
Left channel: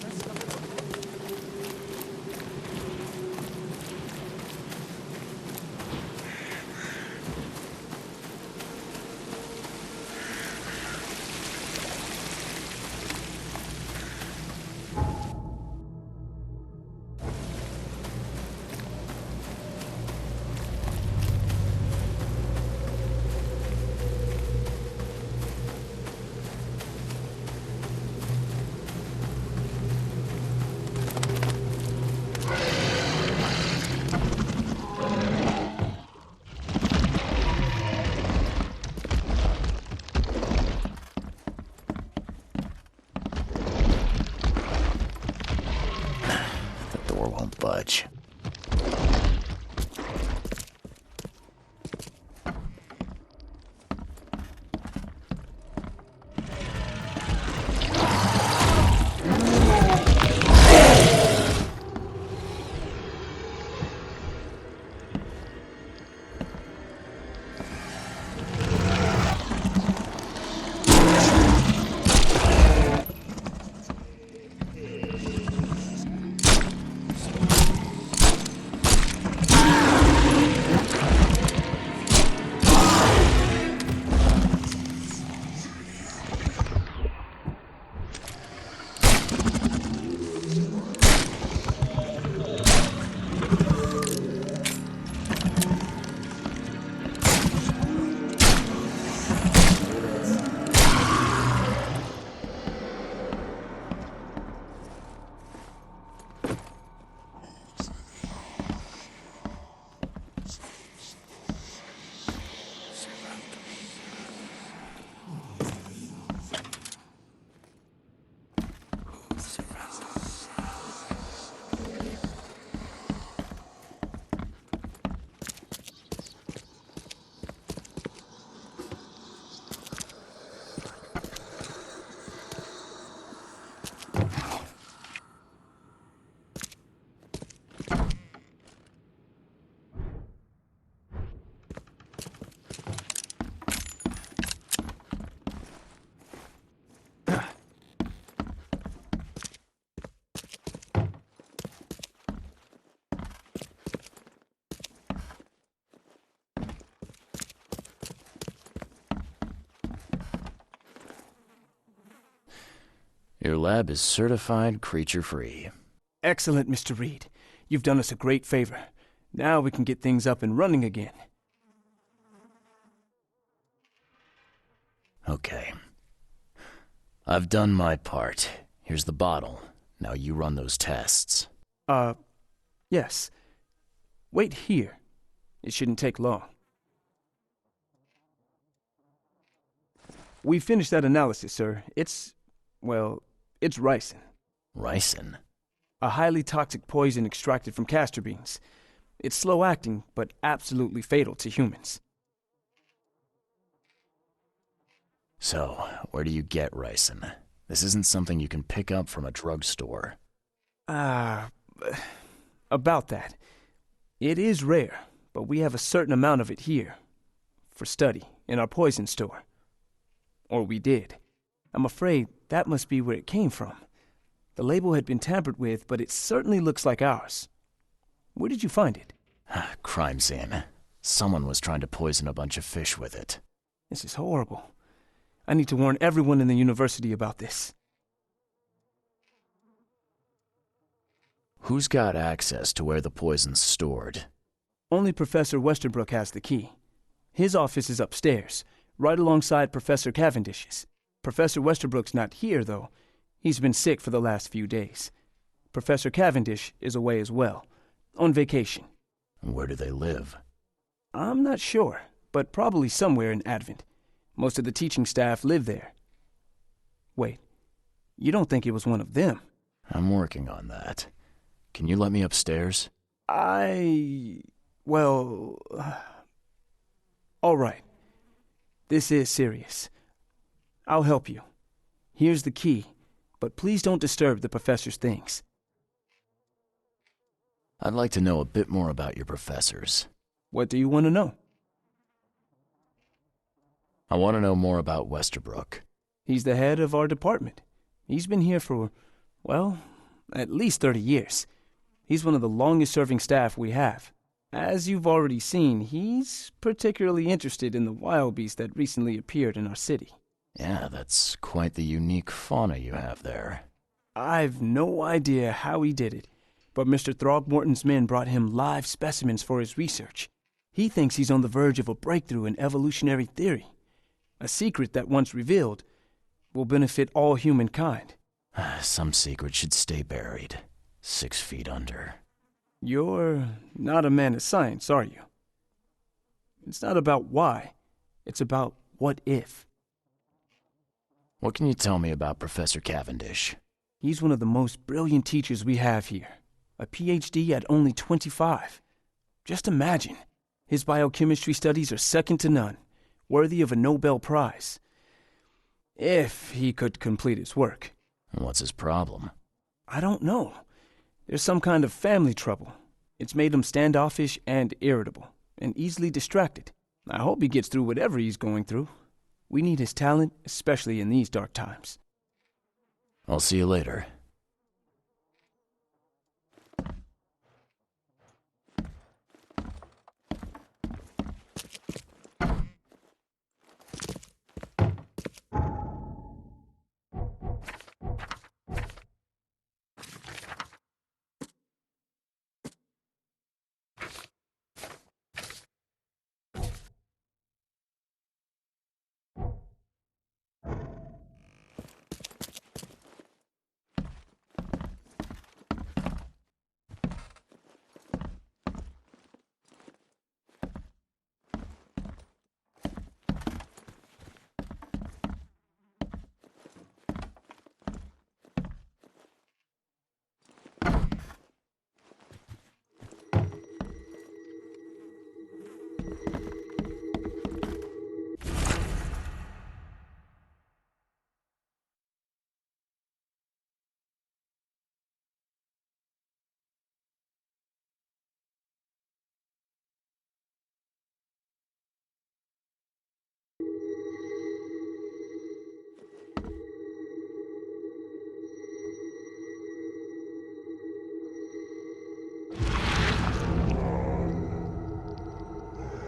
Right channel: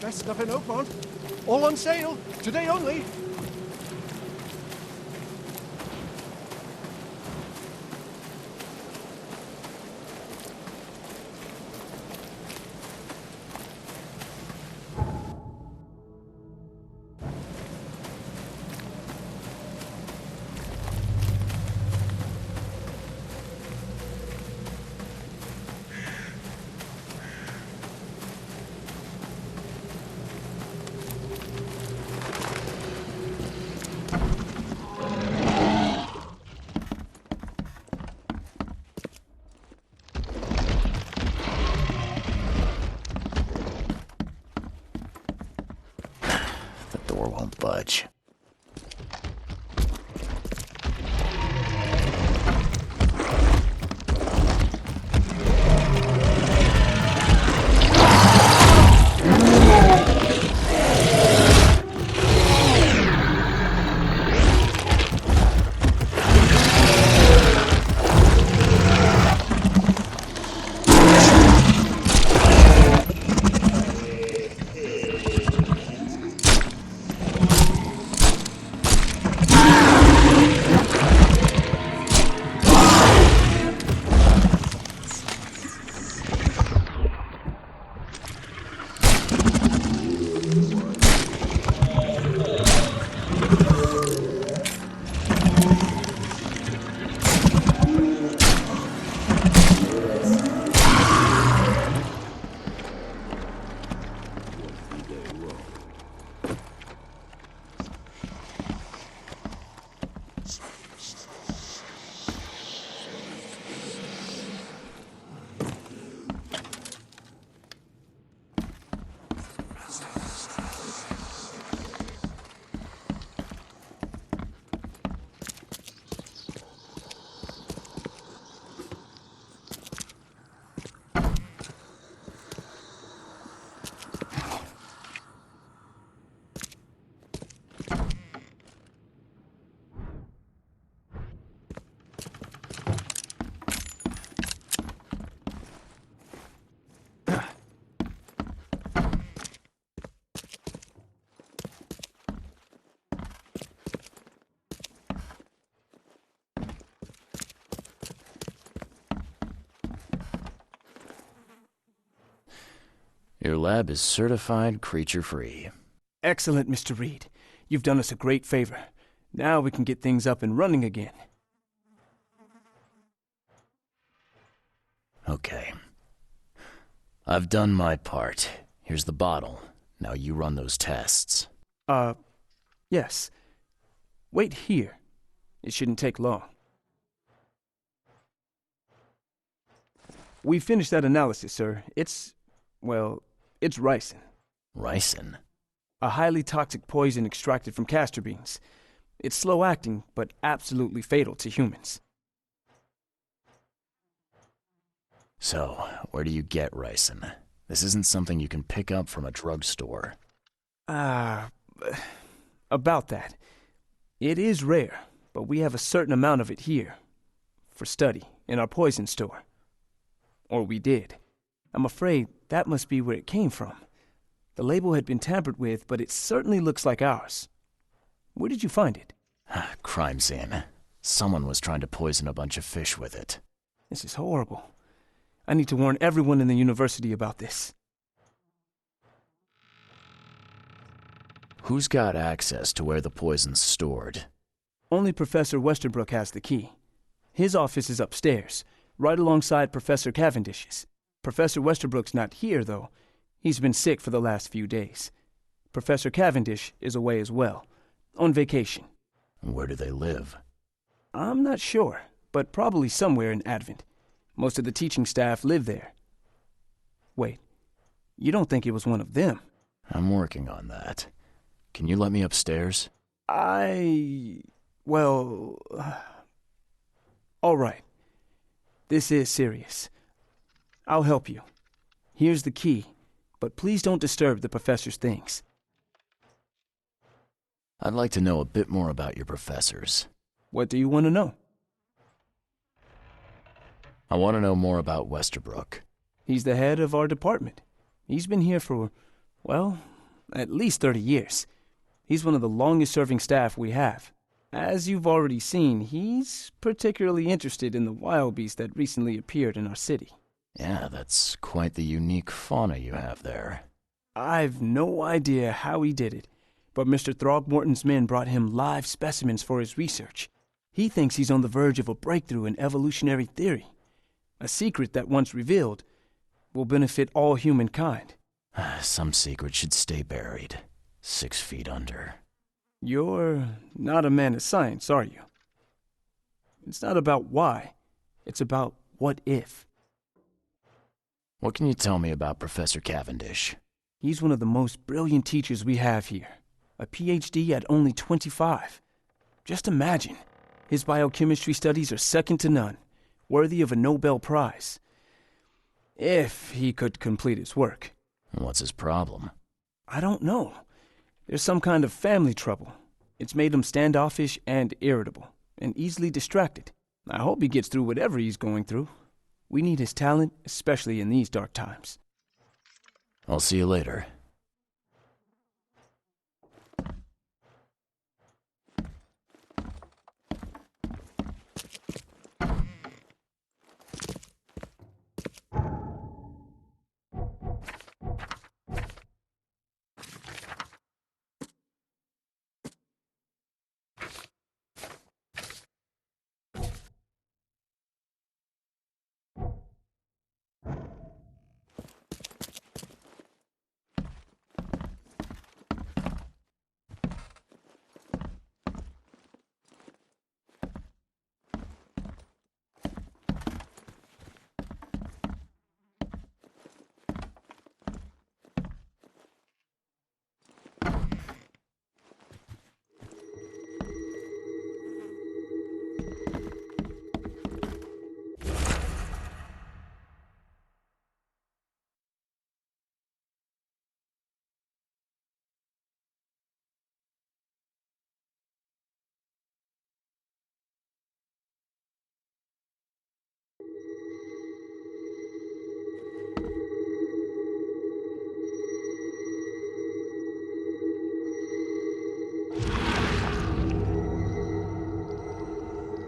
Best stuff in Oakmont. All on sale. Today only. Won't budge. Your lab is certified creature-free. Excellent, Mr. Reed. You've done us a great favor. Now we can get things up and running again. Okay. I've done my part. Here's the bottle. Now you run those tests. Yes. Wait here. It shouldn't take long. We finished that analysis, sir. It's ricin. Ricin? A highly toxic poison extracted from castor beans. It's slow-acting, but absolutely fatal to humans. So, where do you get ricin? This isn't something you can pick up from a drugstore. About that. It is rare, but we have a certain amount of it here. For study, in our poison store. Or we did. I'm afraid that must be where it came from. The label had been tampered with, but it certainly looks like ours. Where did you find it? Crime scene. Someone was trying to poison a bunch of fish with it. This is horrible. I need to warn everyone in the university about this. Who's got access to where the poison's stored? Only Professor Westerbrook has the key. His office is upstairs, right alongside Professor Cavendish's. Professor Westerbrook's not here, though. He's been sick for the last few days. Professor Cavendish is away as well, on vacation. Where do they live? I'm not sure, but probably somewhere in Advent. Most of the teaching staff live there. Wait, you don't think it was one of them? I'm working on that. Can you let me upstairs? All right. This is serious. I'll help you. Here's the key, but please don't disturb the professor's things. I'd like to know a bit more about your professors. What do you want to know? I want to know more about Westerbrook. He's the head of our department. He's been here for, at least 30 years. He's one of the longest-serving staff we have. As you've already seen, he's particularly interested in the wild beast that recently appeared in our city. Yeah, that's quite the unique fauna you have there. I've no idea how he did it, but Mr. Throgmorton's men brought him live specimens for his research. He thinks he's on the verge of a breakthrough in evolutionary theory. A secret that, once revealed, will benefit all humankind. Some secret should stay buried, 6 feet under. You're not a man of science, are you? It's not about why. It's about what if. What can you tell me about Professor Cavendish? He's one of the most brilliant teachers we have here. A PhD at only 25. Just imagine. His biochemistry studies are second to none, worthy of a Nobel Prize. If he could complete his work. What's his problem? I don't know. There's some kind of family trouble. It's made him standoffish and irritable, and easily distracted. I hope he gets through whatever he's going through. We need his talent, especially in these dark times. I'll see you later.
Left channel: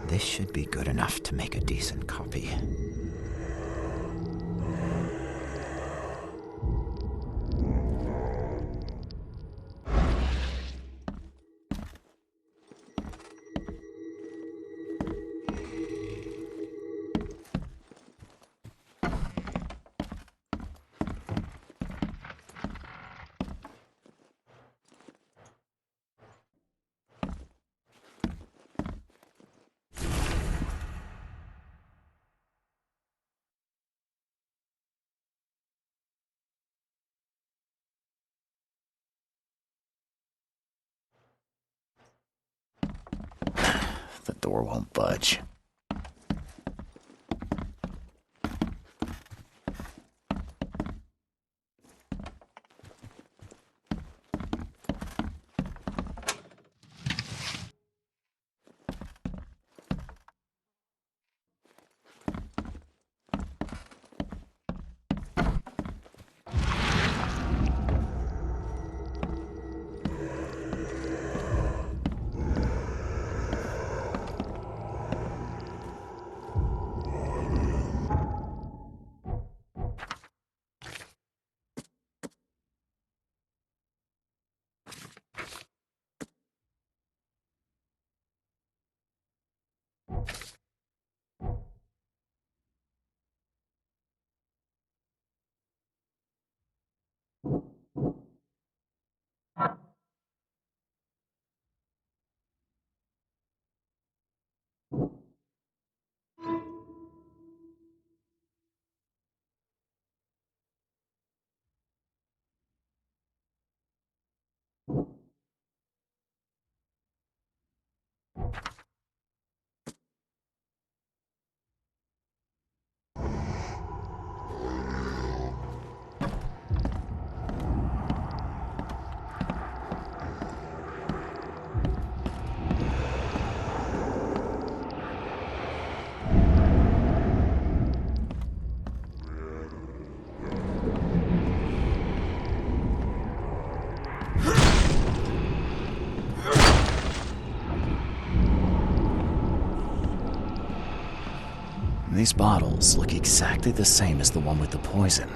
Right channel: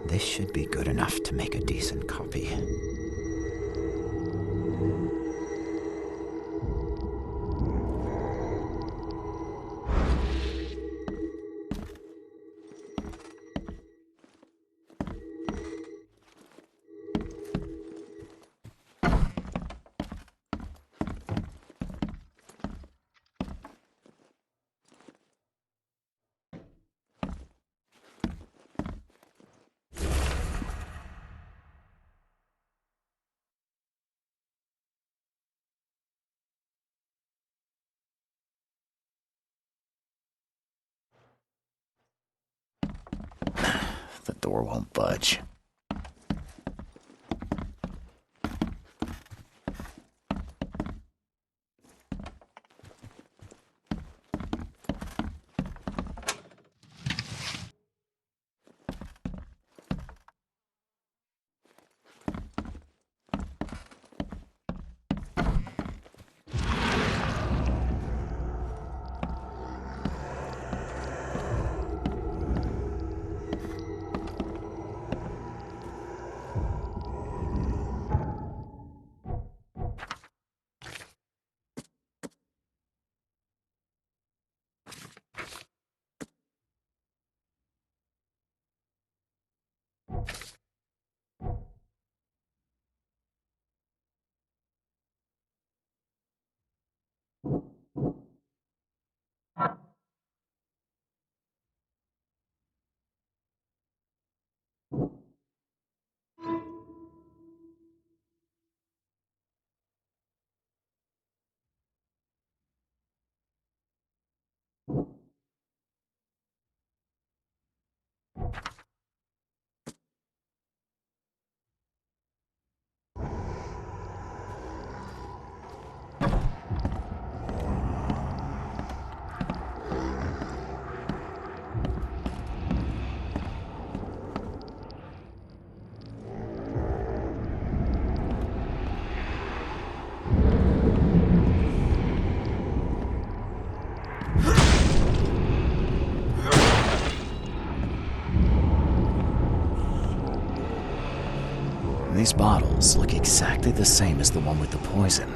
This should be good enough to make a decent copy. That door won't budge. These bottles look exactly the same as the one with the poison.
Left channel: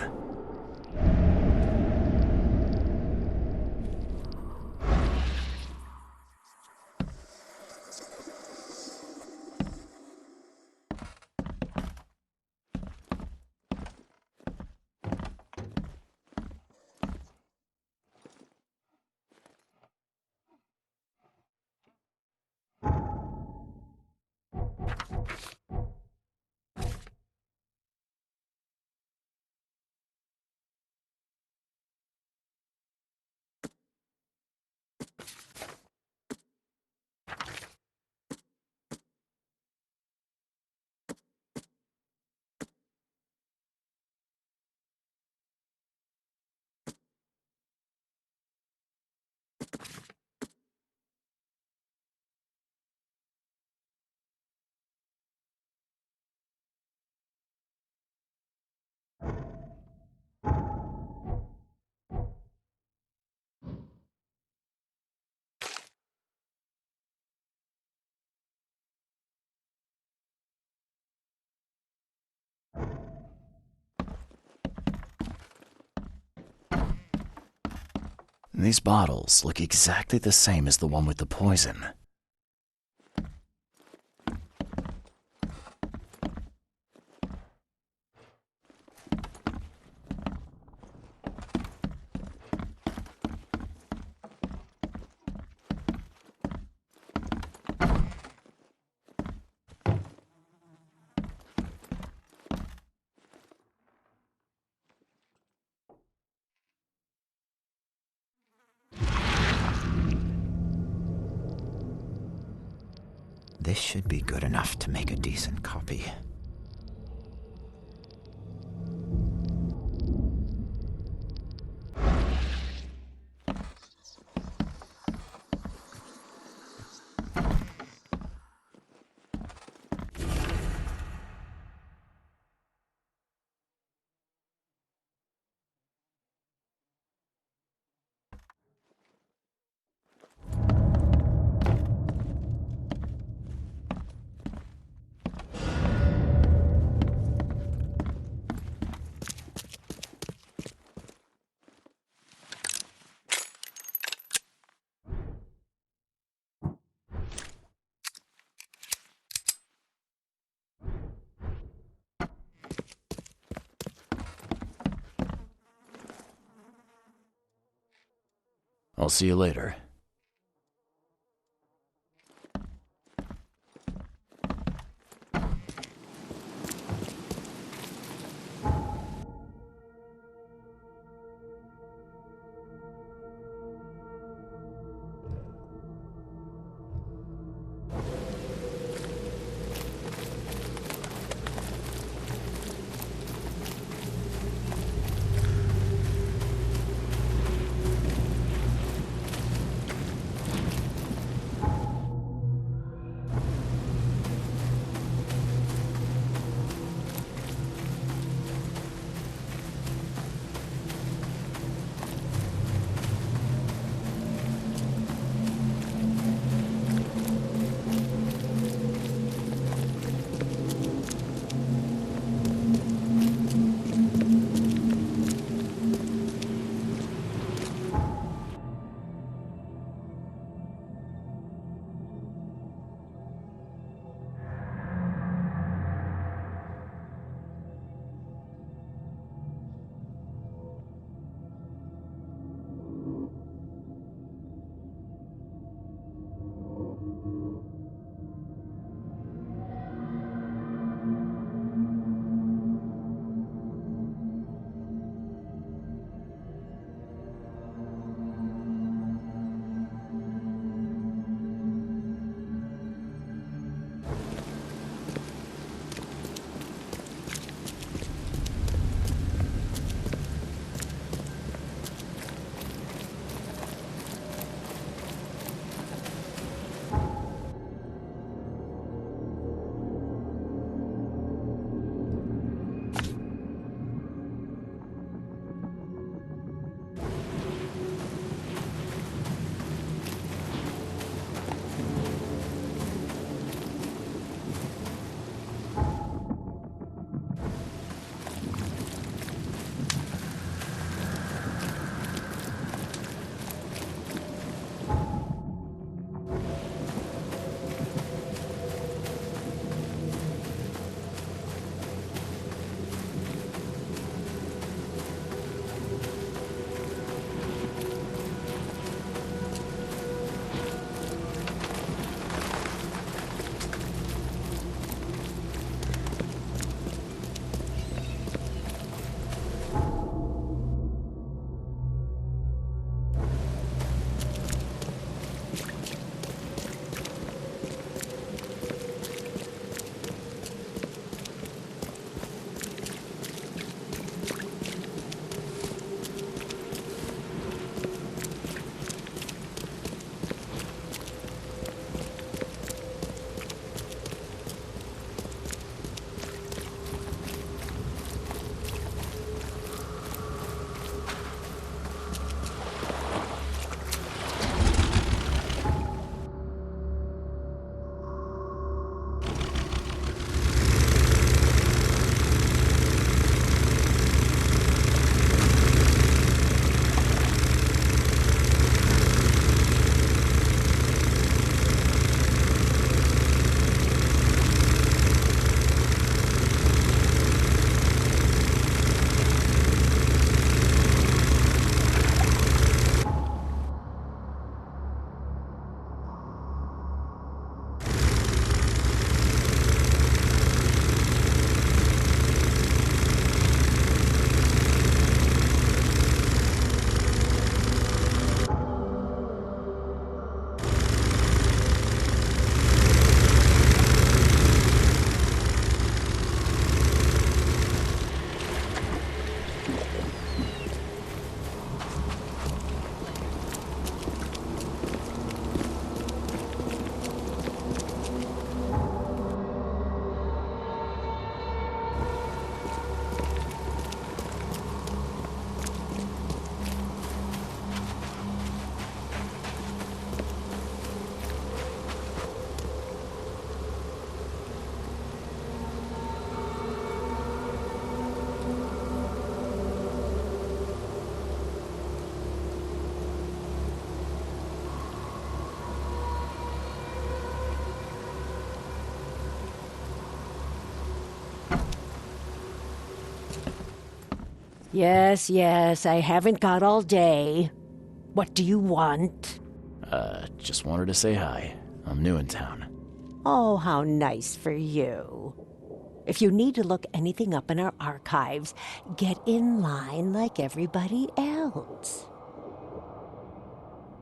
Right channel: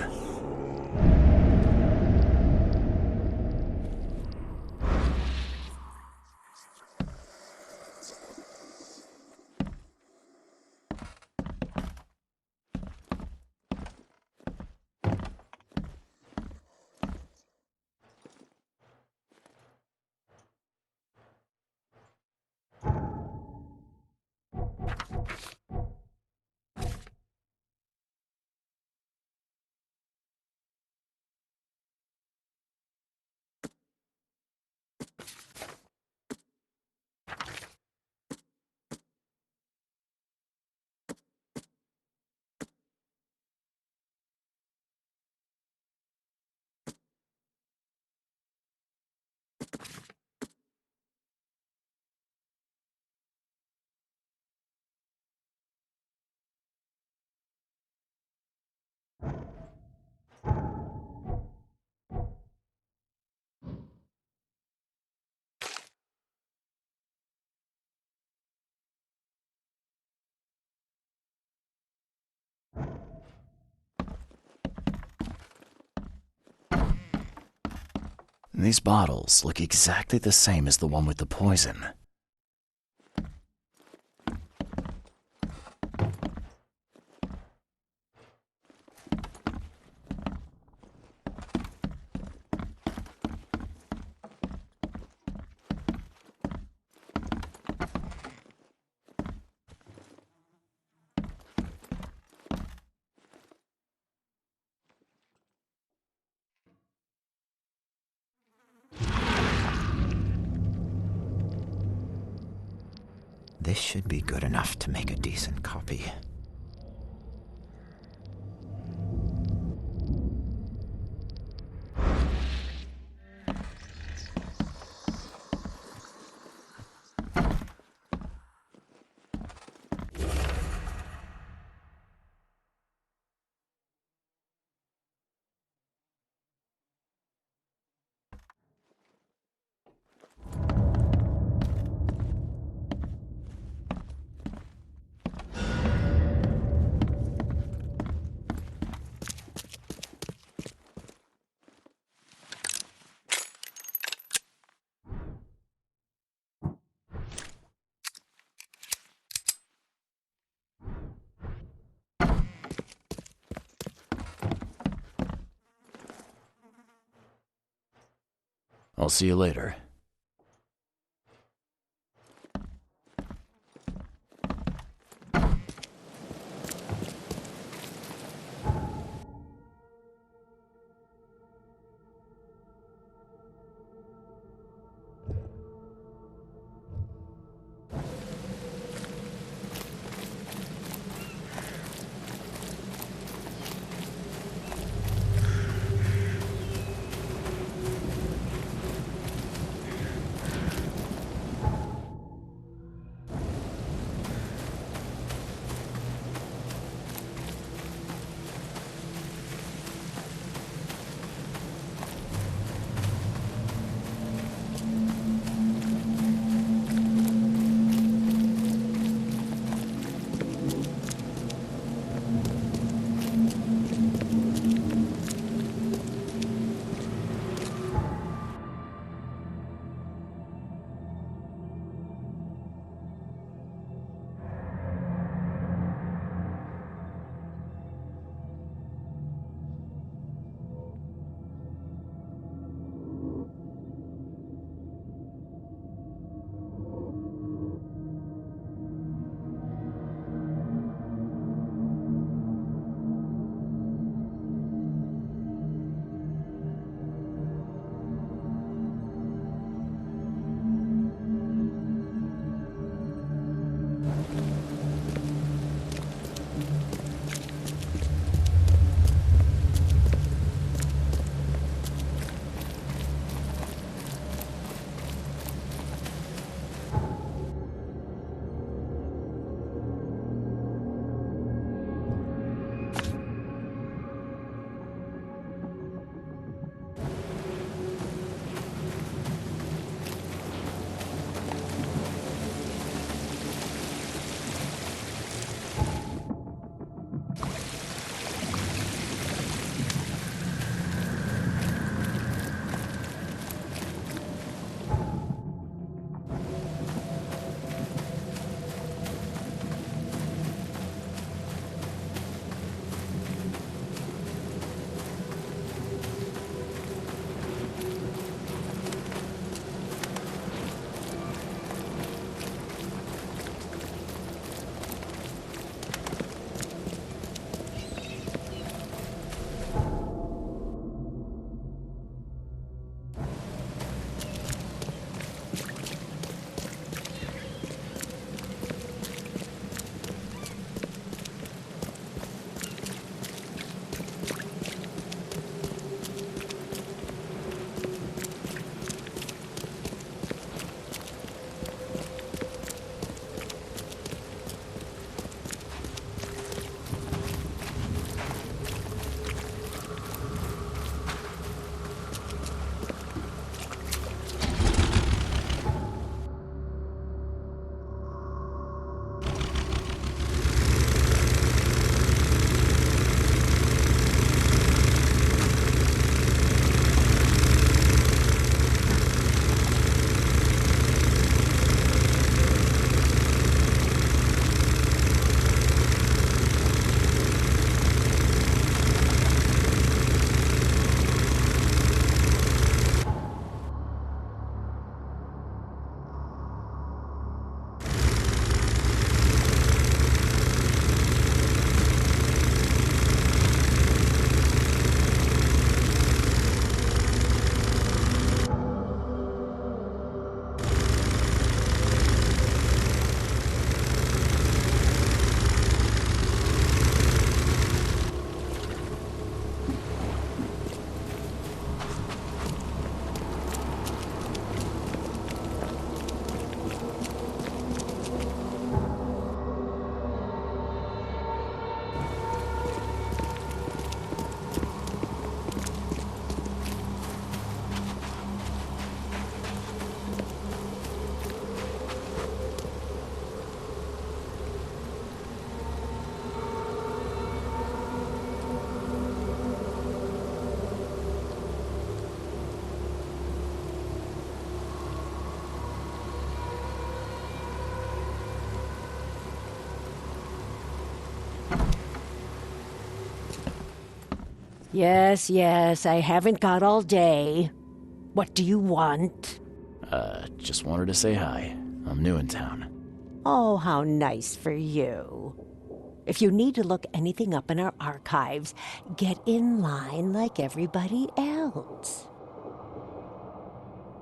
These bottles look exactly the same as the one with the poison. This should be good enough to make a decent copy. I'll see you later. Yes, yes, I haven't got all day. What do you want? Just wanted to say hi. I'm new in town. Oh, how nice for you. If you need to look anything up in our archives, get in line like everybody else.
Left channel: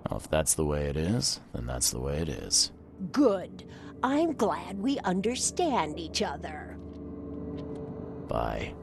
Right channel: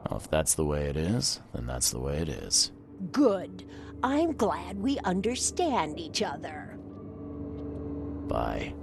Well, if that's the way it is, then that's the way it is. Good. I'm glad we understand each other. Bye.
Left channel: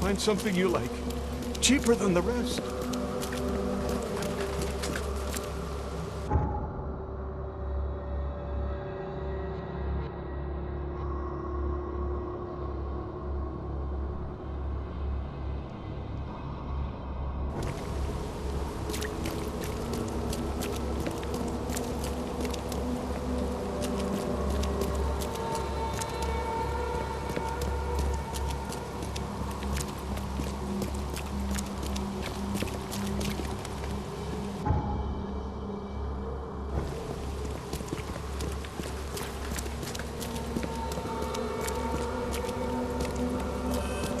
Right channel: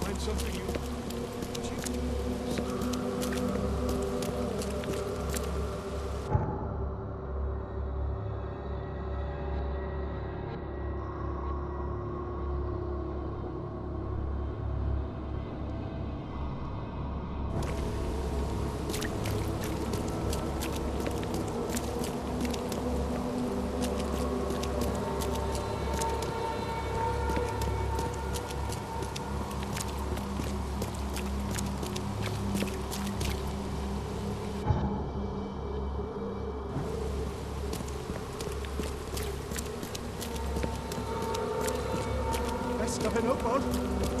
Find something you like. Cheaper than the rest.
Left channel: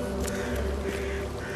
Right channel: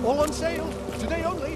All on sale. Today only.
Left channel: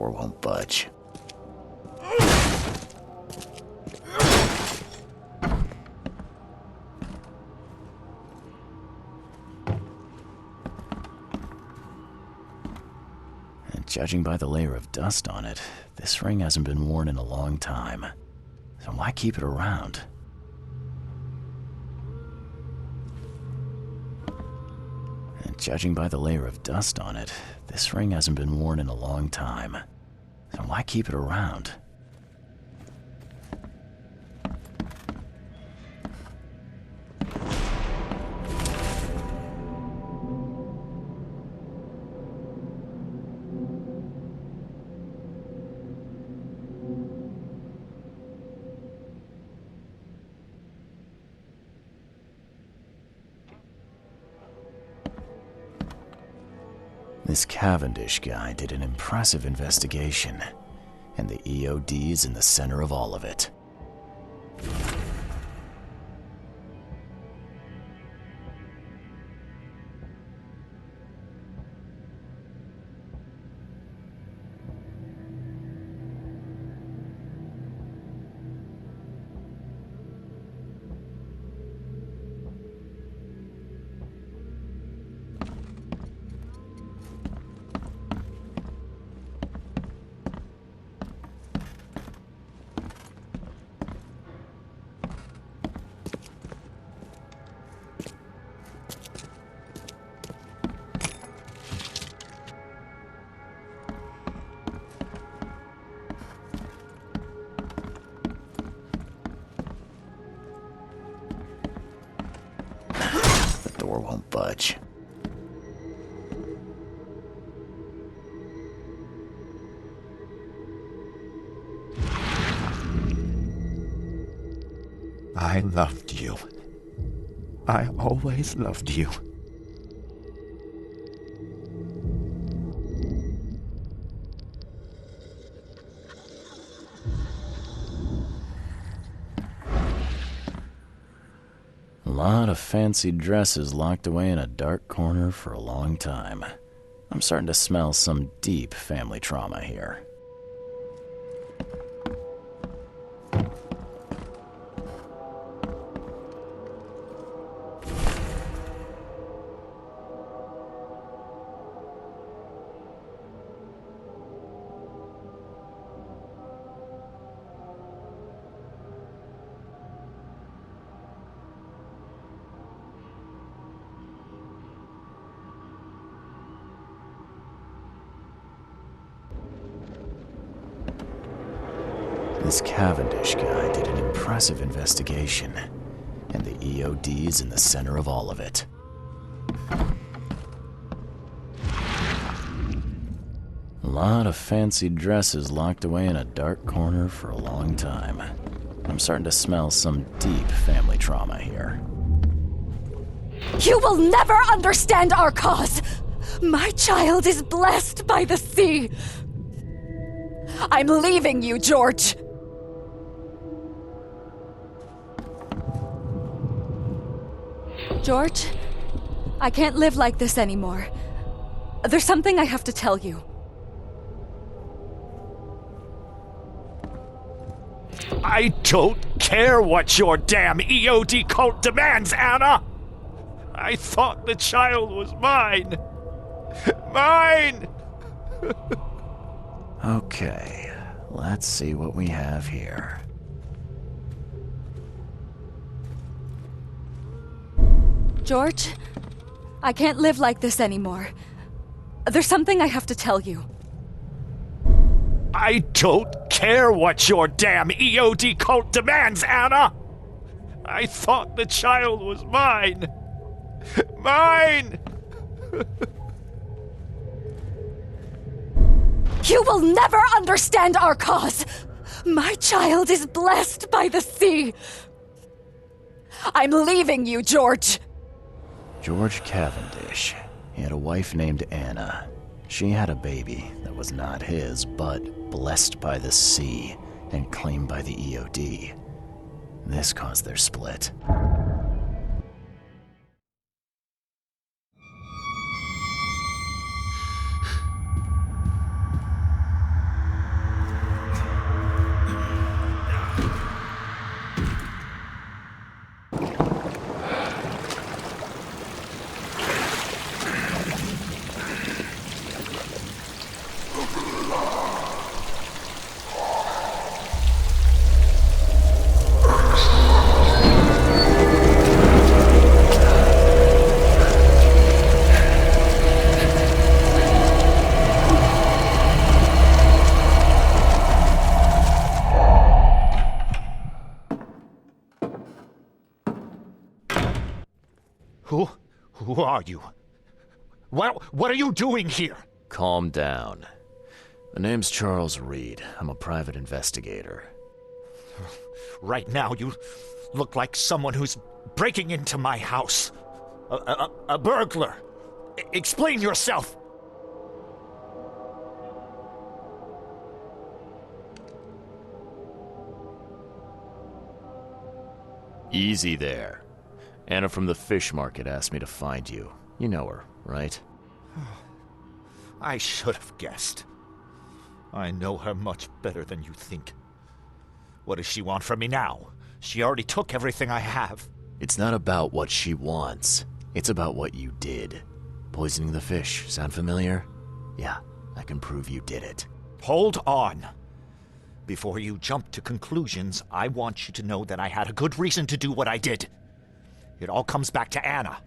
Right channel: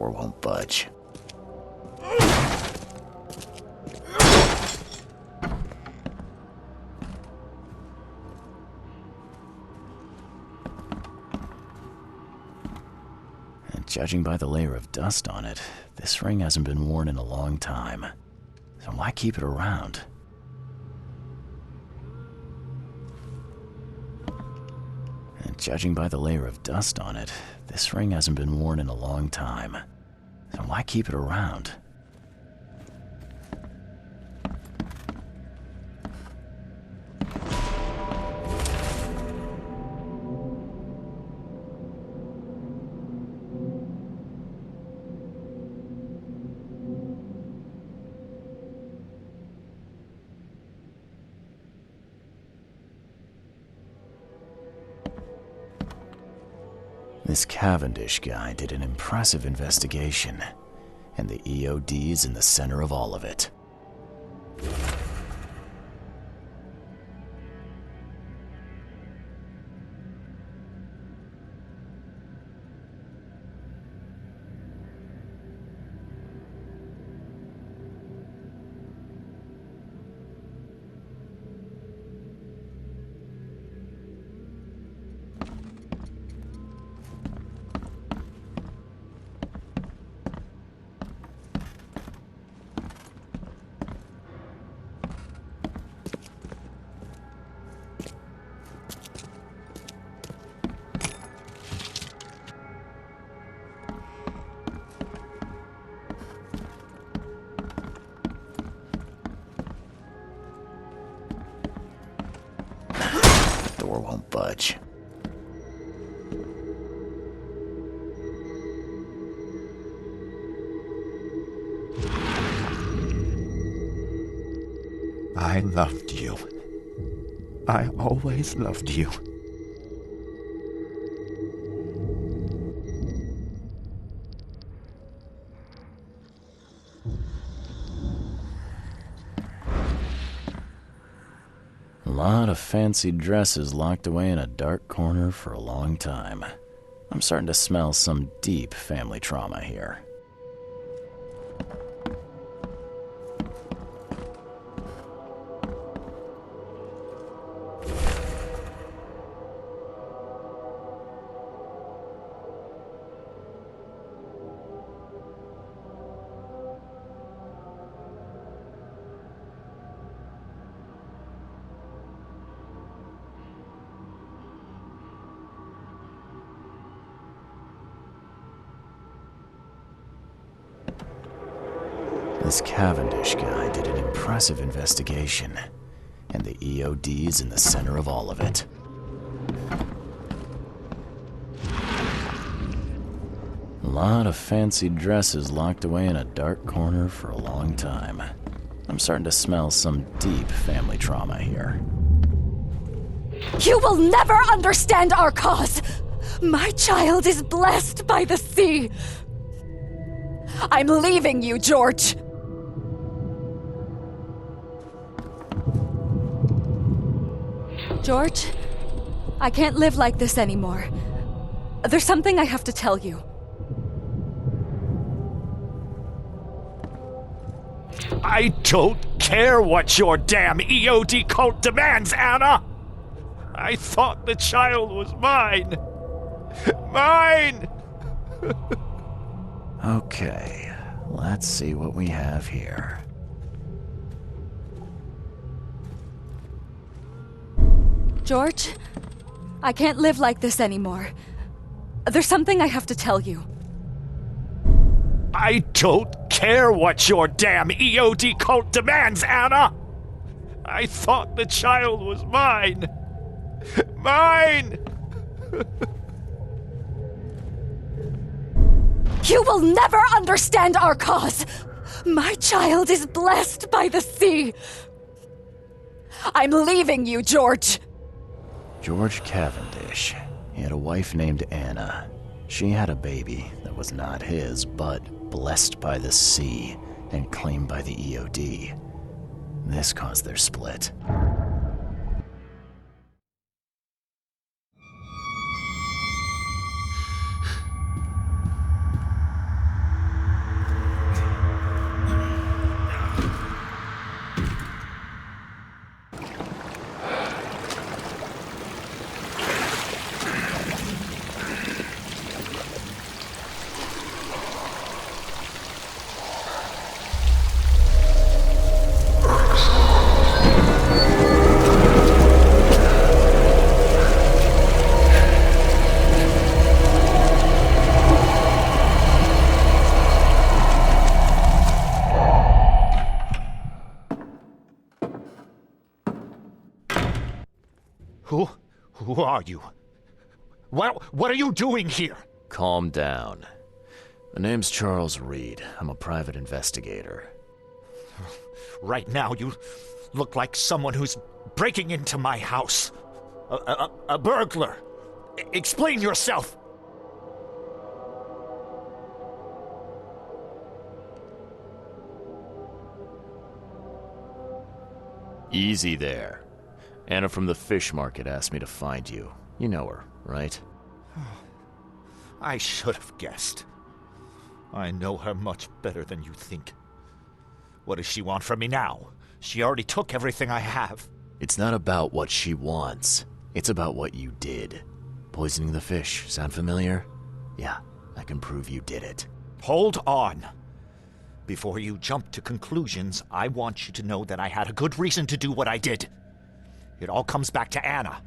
Door won't budge. And judging by the layer of dust on it, this ring hasn't been worn in a long time. So why keep it around? And judging by the layer of dust on it, this ring hasn't been worn in a long time. So why keep it around? This Cavendish guy did an impressive investigation, and the EOD's in the center of all of it. Door won't budge. I loved you. I always loved you. A lot of fancy dresses locked away in a dark corner for a long time. I'm starting to smell some deep family trauma here. This Cavendish guy did an impressive investigation, and the EOD's in the center of all of it. A lot of fancy dresses locked away in a dark corner for a long time. I'm starting to smell some deep family trauma here. You will never understand our cause! My child is blessed by the sea! I'm leaving you, George! George, I can't live like this anymore. There's something I have to tell you. I don't care what your damn EOD cult demands, Anna! I thought the child was mine. Mine! Okay, let's see what we have here. George, I can't live like this anymore. There's something I have to tell you. I don't care what your damn EOD cult demands, Anna! I thought the child was mine. Mine! You will never understand our cause! My child is blessed by the sea! I'm leaving you, George! George Cavendish. He had a wife named Anna. She had a baby that was not his, but blessed by the sea and claimed by the EOD. This caused their split. are you? What are you doing here? Calm down. My name's Charles Reed. I'm a private investigator. Right now, you look like someone who's breaking into my house. A burglar. Explain yourself. Easy there. Anna from the fish market asked me to find you. You know her, right? I should have guessed. I know her much better than you think. What does she want from me now? She already took everything I have. It's not about what she wants. It's about what you did. Poisoning the fish. Sound familiar? Yeah, I can prove you did it. Hold on. Before you jump to conclusions, I want you to know that I had a good reason to do what I did. It all comes back to Anna.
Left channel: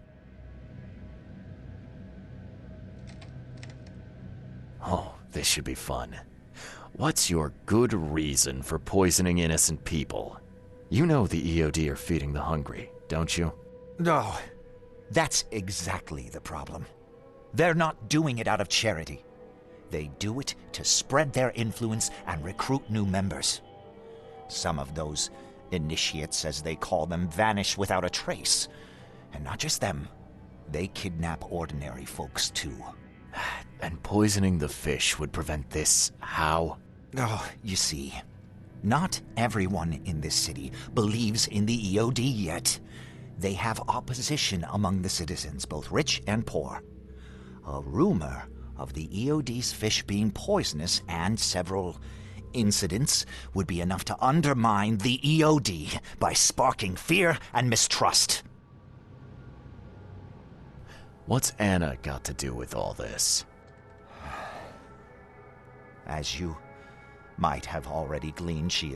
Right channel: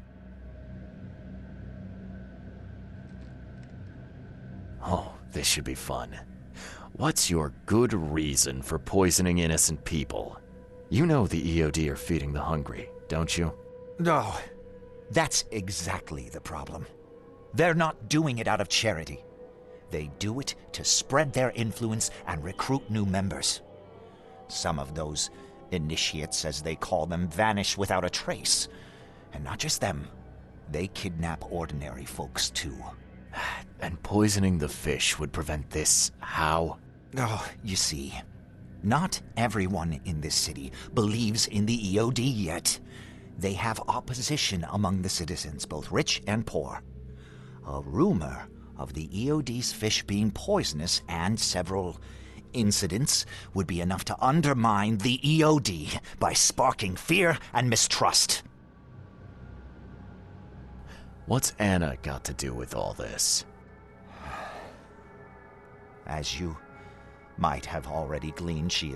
Oh, this should be fun. What's your good reason for poisoning innocent people? You know the EOD are feeding the hungry, don't you? No, that's exactly the problem. They're not doing it out of charity. They do it to spread their influence and recruit new members. Some of those initiates, as they call them, vanish without a trace. And not just them. They kidnap ordinary folks, too. And poisoning the fish would prevent this how? Oh, you see, not everyone in this city believes in the EOD yet. They have opposition among the citizens, both rich and poor. A rumor of the EOD's fish being poisonous and several incidents would be enough to undermine the EOD by sparking fear and mistrust. What's Anna got to do with all this? As you might have already gleaned, she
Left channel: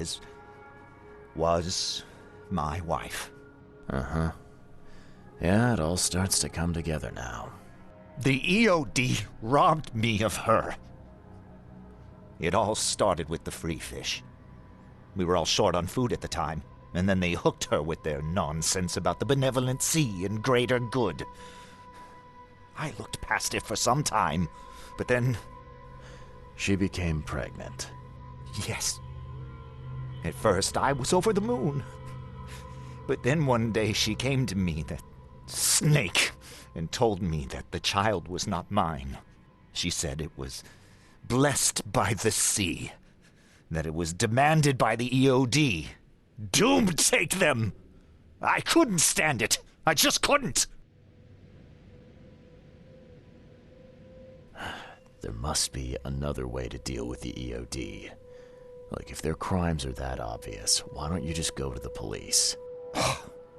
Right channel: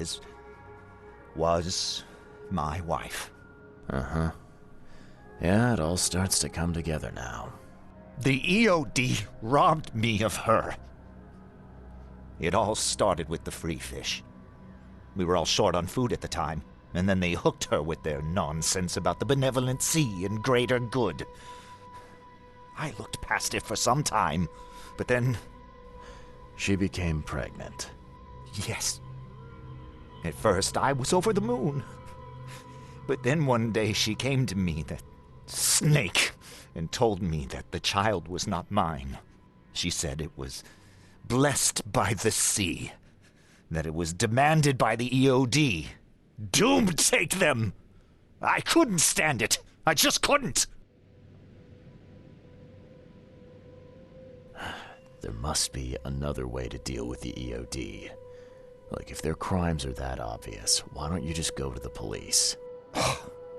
was my wife. Uh-huh. Yeah, it all starts to come together now. The EOD robbed me of her. It all started with the free fish. We were all short on food at the time, and then they hooked her with their nonsense about the benevolent sea and greater good. I looked past it for some time, but then... She became pregnant. Yes. At first, I was over the moon. But then one day she came to me, that snake, and told me that the child was not mine. She said it was blessed by the sea, that it was demanded by the EOD. Doom take them! I couldn't stand it. I just couldn't. There must be another way to deal with the EOD. Like, if their crimes are that obvious, why don't you just go to the police?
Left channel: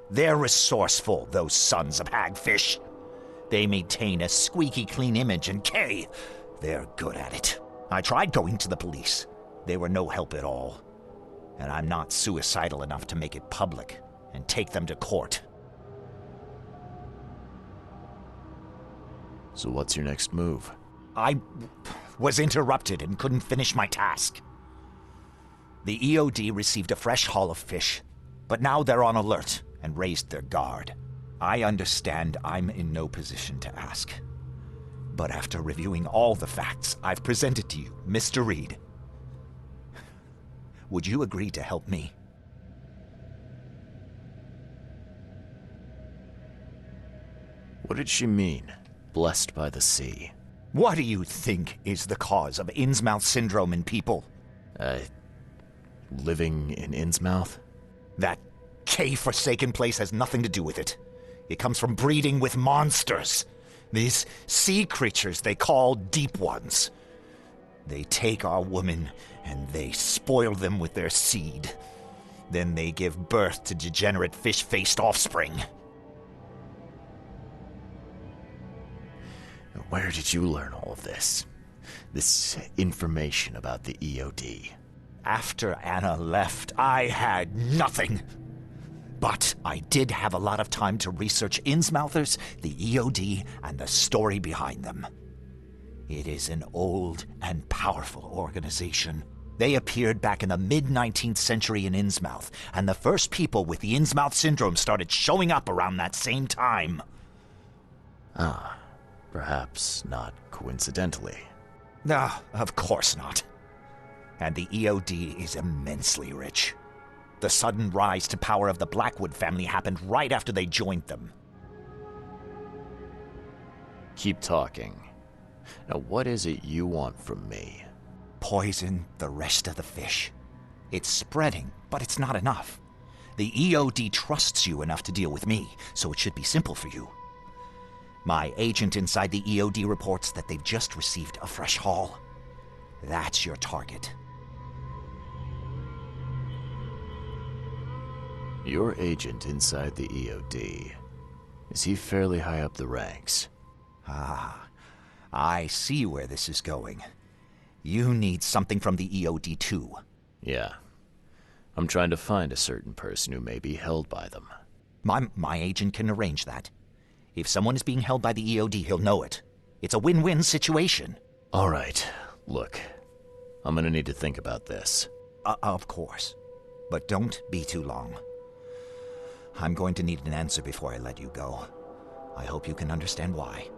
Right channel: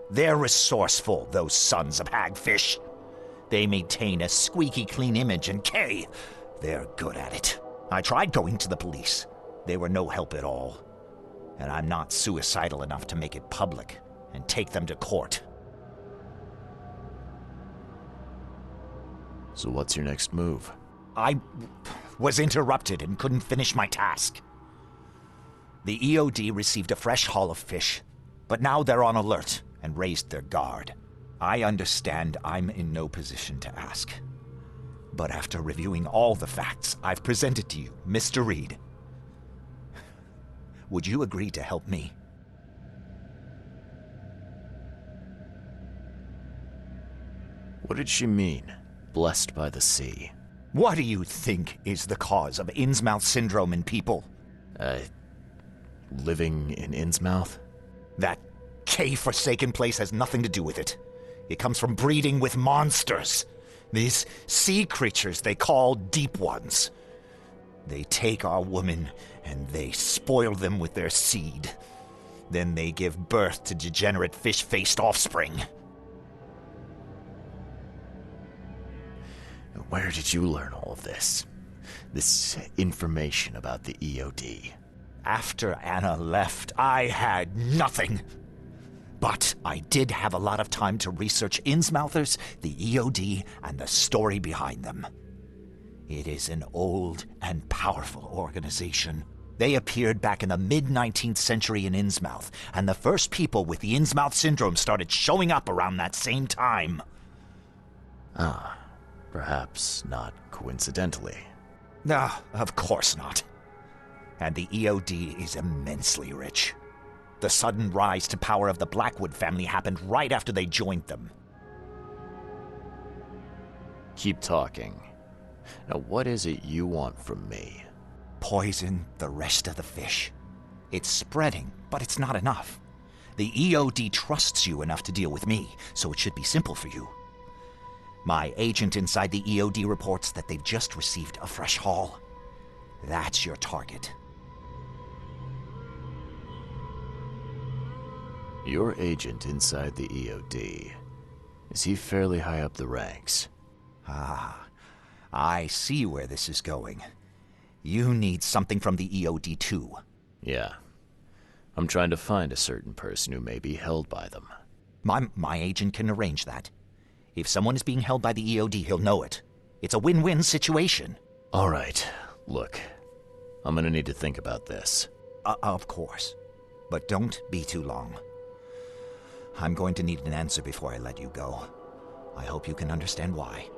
They're resourceful, those sons of hagfish. They maintain a squeaky clean image, and they're good at it. I tried going to the police. They were no help at all. And I'm not suicidal enough to make it public and take them to court. So what's your next move? I was interrupted and couldn't finish my task. The EOD received a fresh haul of fish, but now they're on alert and raised their guard. I understand I'm in no position to ask. But after reviewing all the facts I've presented to you, Mr. Reed, would you agree to help me? What did she mean, blessed by the sea? What do you think is the cause of Innsmouth syndrome in people? Living in Innsmouth? That K-forsaken place has nothing to do with it. It comes from breeding with monsters. These sea creatures they call Deep Ones. They take our women and they spoil them with their seed. Then they give birth to degenerate fish-faced offspring. Where did you learn all of this? This information about the EOD? After Anna left, I had nothing. But I did have a lot of time to research Innsmouthers, the EOD, and the story behind them. It is an old and powerful organization. They appeared back in the mid-19th century in Innsmouth, and the first people with the Innsmouth syndrome started showing up around that same time. Ah, perhaps not coincidentally. No, of course not. And the EOD is immensely rich. The sudden rise to power of the Blackwood family happened right after they joined them. Keep talking. Now, what is it you want from me? Poison the rest of the fish. It's spreading, but it's not enough. The EOD trusts you enough to deal with me, so it should be simple for you. My agent inside the EOD reports that they've just received a fresh haul. That's your target. Your agent inside the EOD. Is he fairly high up the ranks? Ah, I see where this is going. You need something from the EOD too. Yeah. I'm trying to find a certain person who may be held by them. My agent can arrange that. If someone is being held by the EOD, he'll know it. It's a win-win situation. All right. Look, I'm gonna need to think about this. Of course. But don't be too long. I'm going to need an answer before I let you go. I hope you can understand why.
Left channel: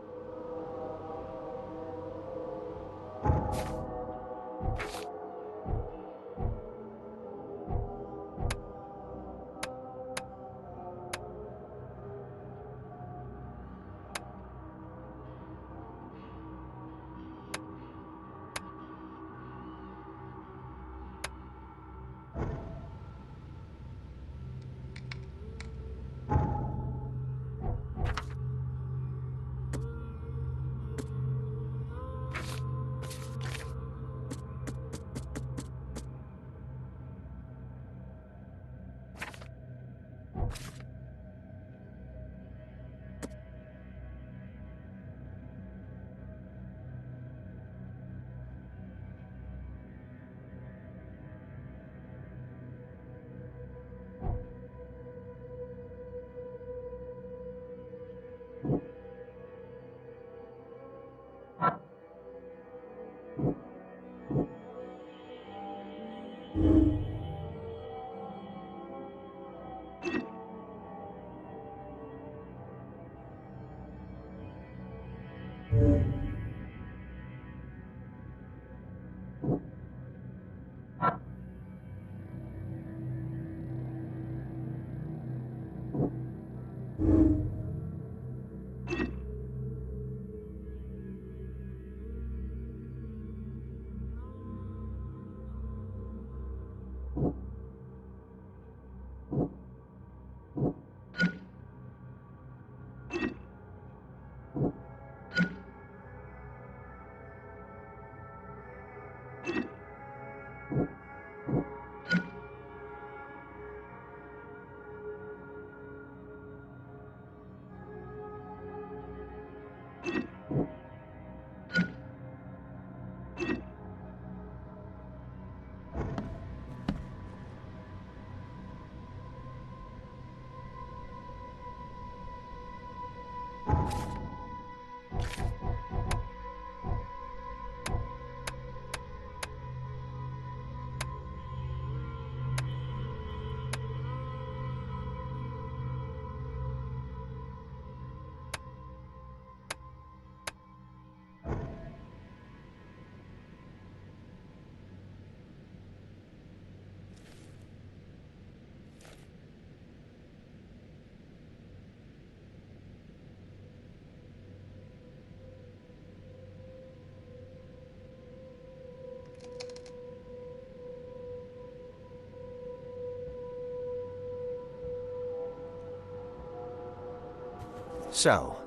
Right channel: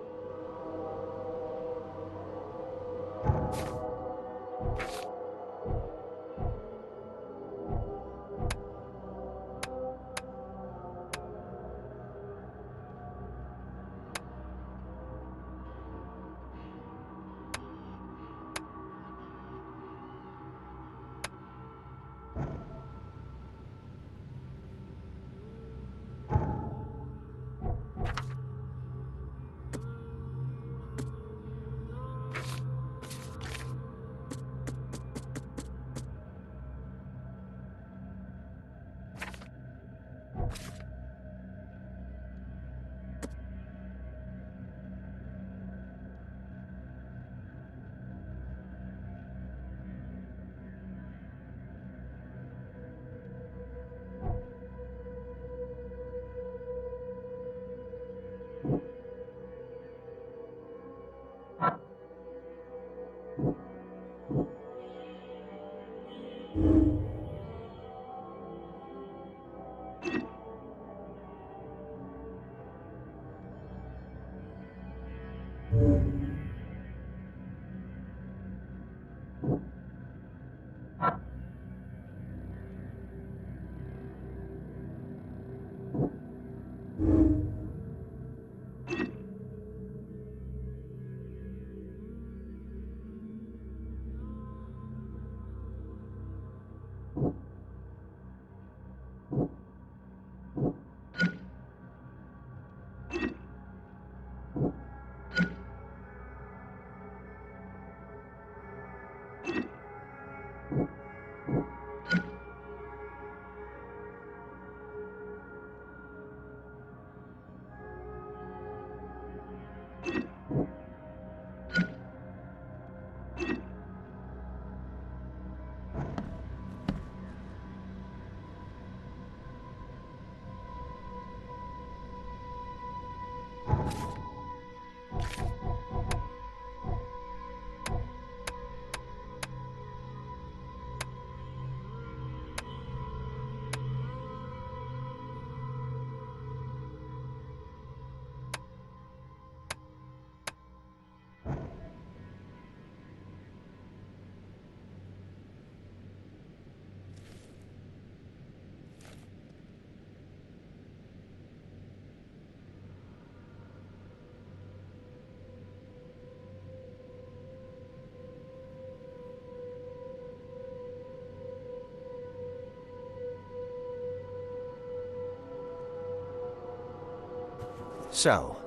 So,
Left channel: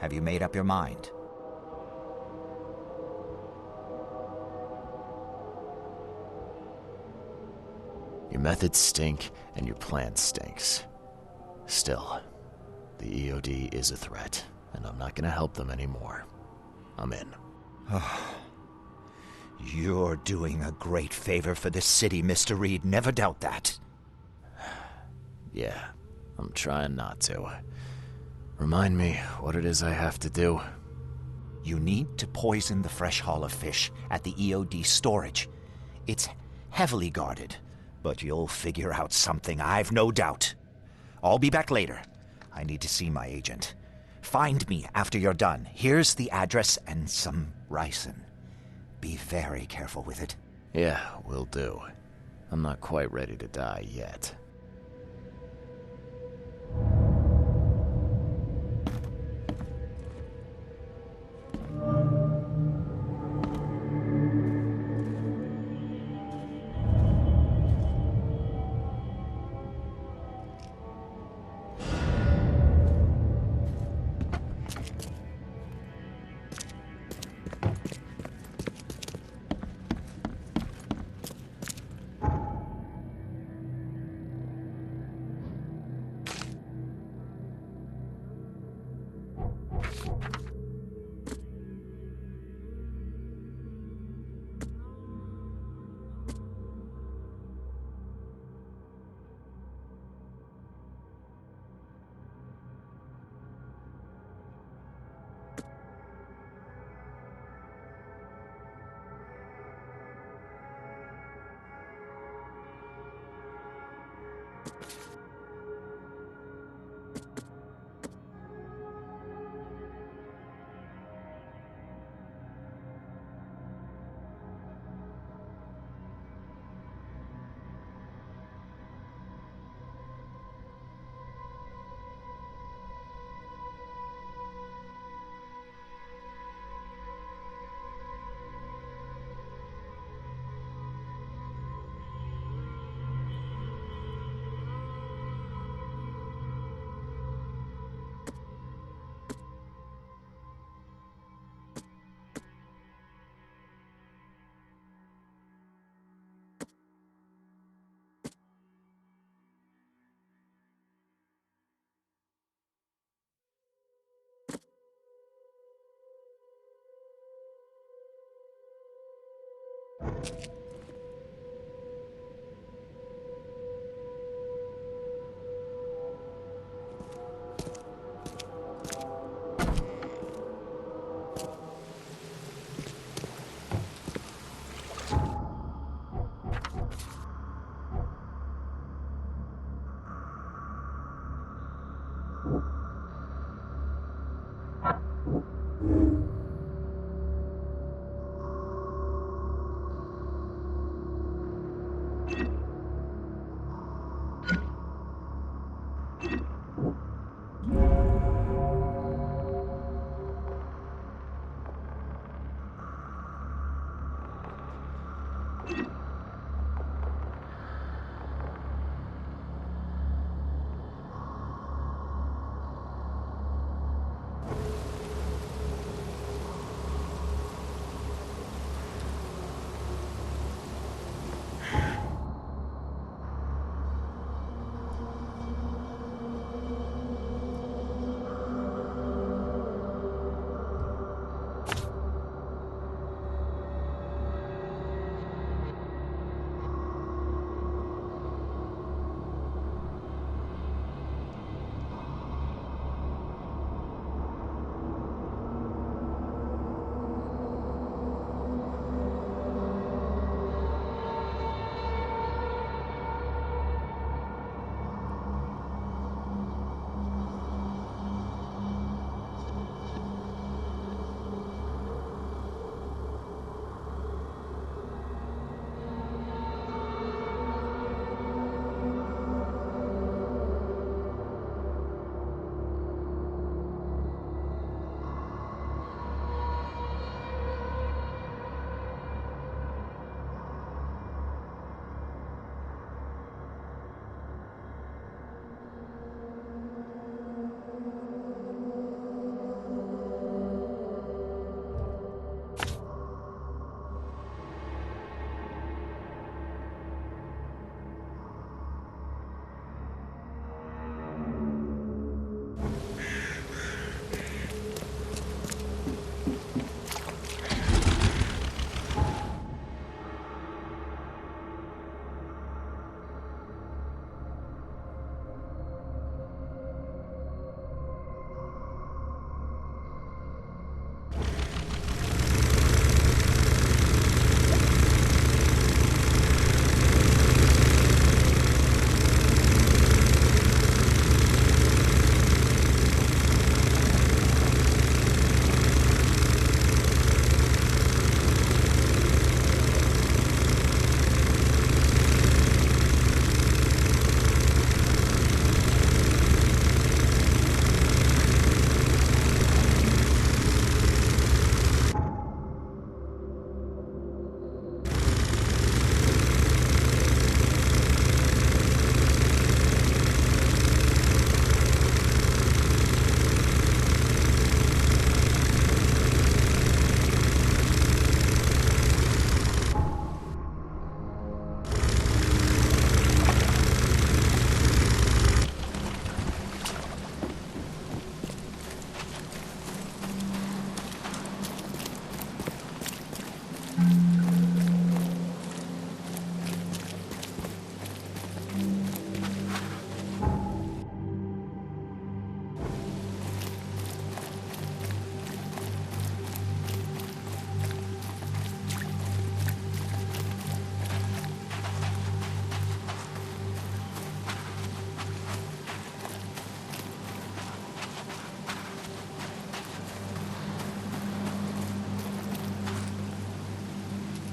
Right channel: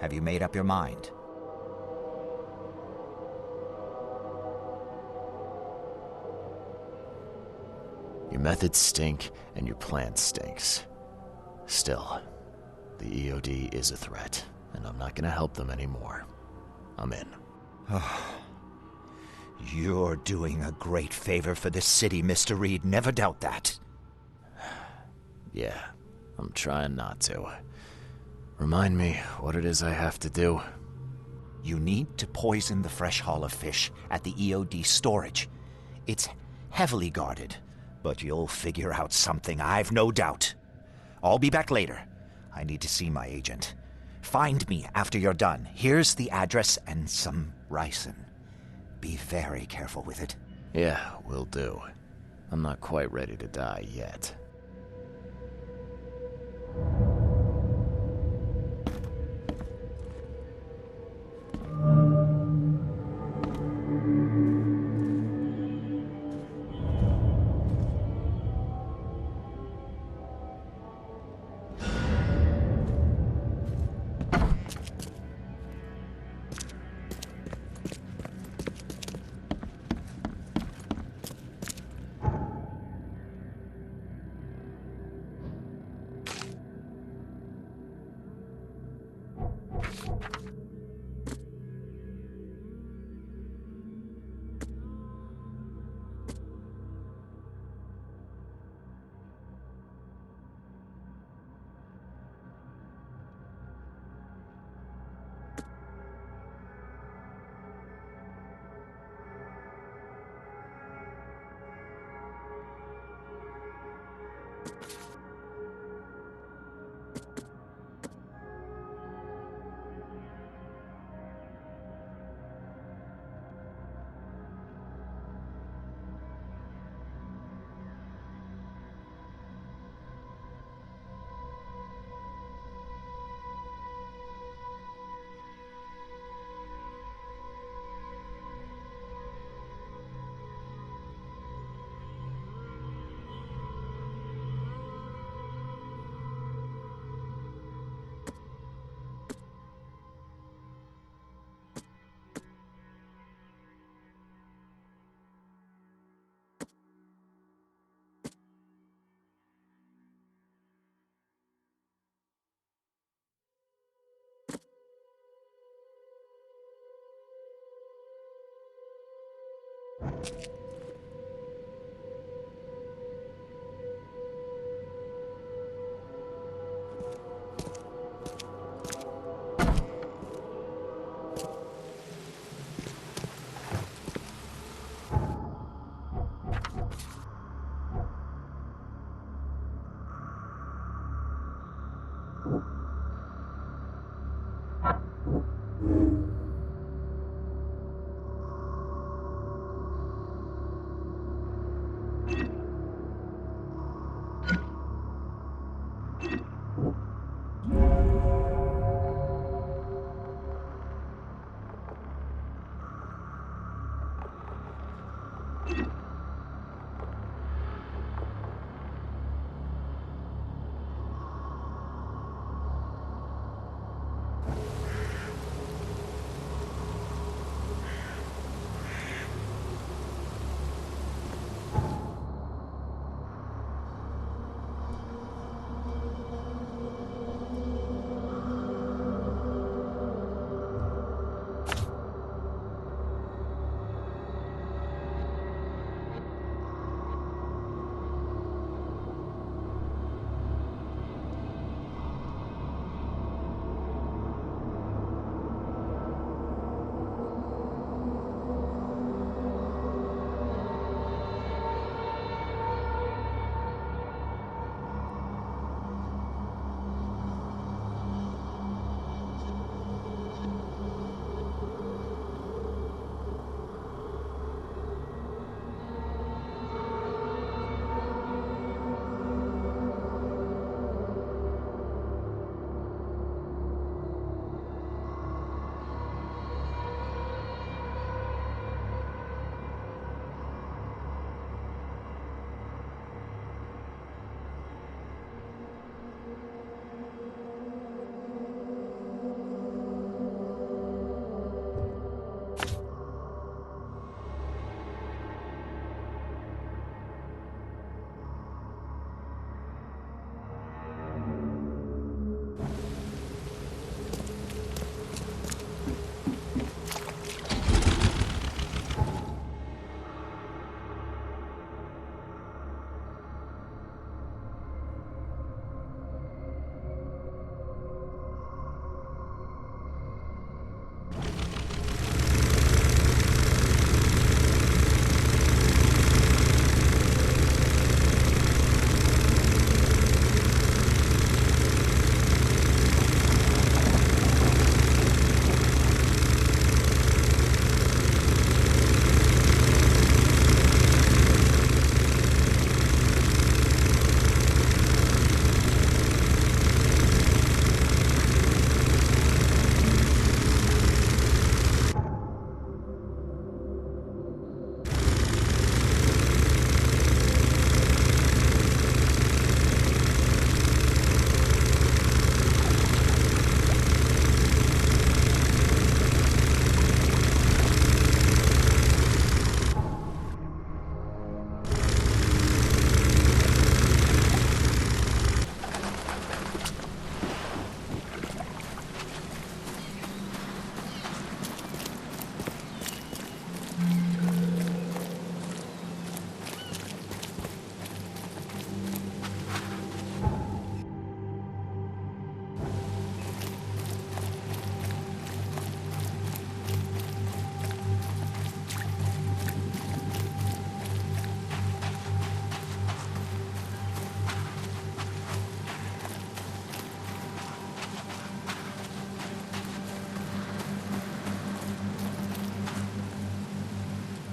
have you made up your mind? Your methods stink, and your plan stinks. Still, the EOD is a threat, and I'm not gonna help them anymore. I'm in. You're doing a great favor for this city, Mr. Reed. Never doubt that. Yeah, I'm trying not to. Remind me what it is I have to do. You need to poison the fresh haul of fish at the EOD storage. It's heavily guarded, but you'll figure out something, I've no doubt. I'll be back later. I need to see my agent. Find me after you're done. Here's the address and some ricin. Be very careful with it. Yeah, will do. I'm not quite ready to die yet.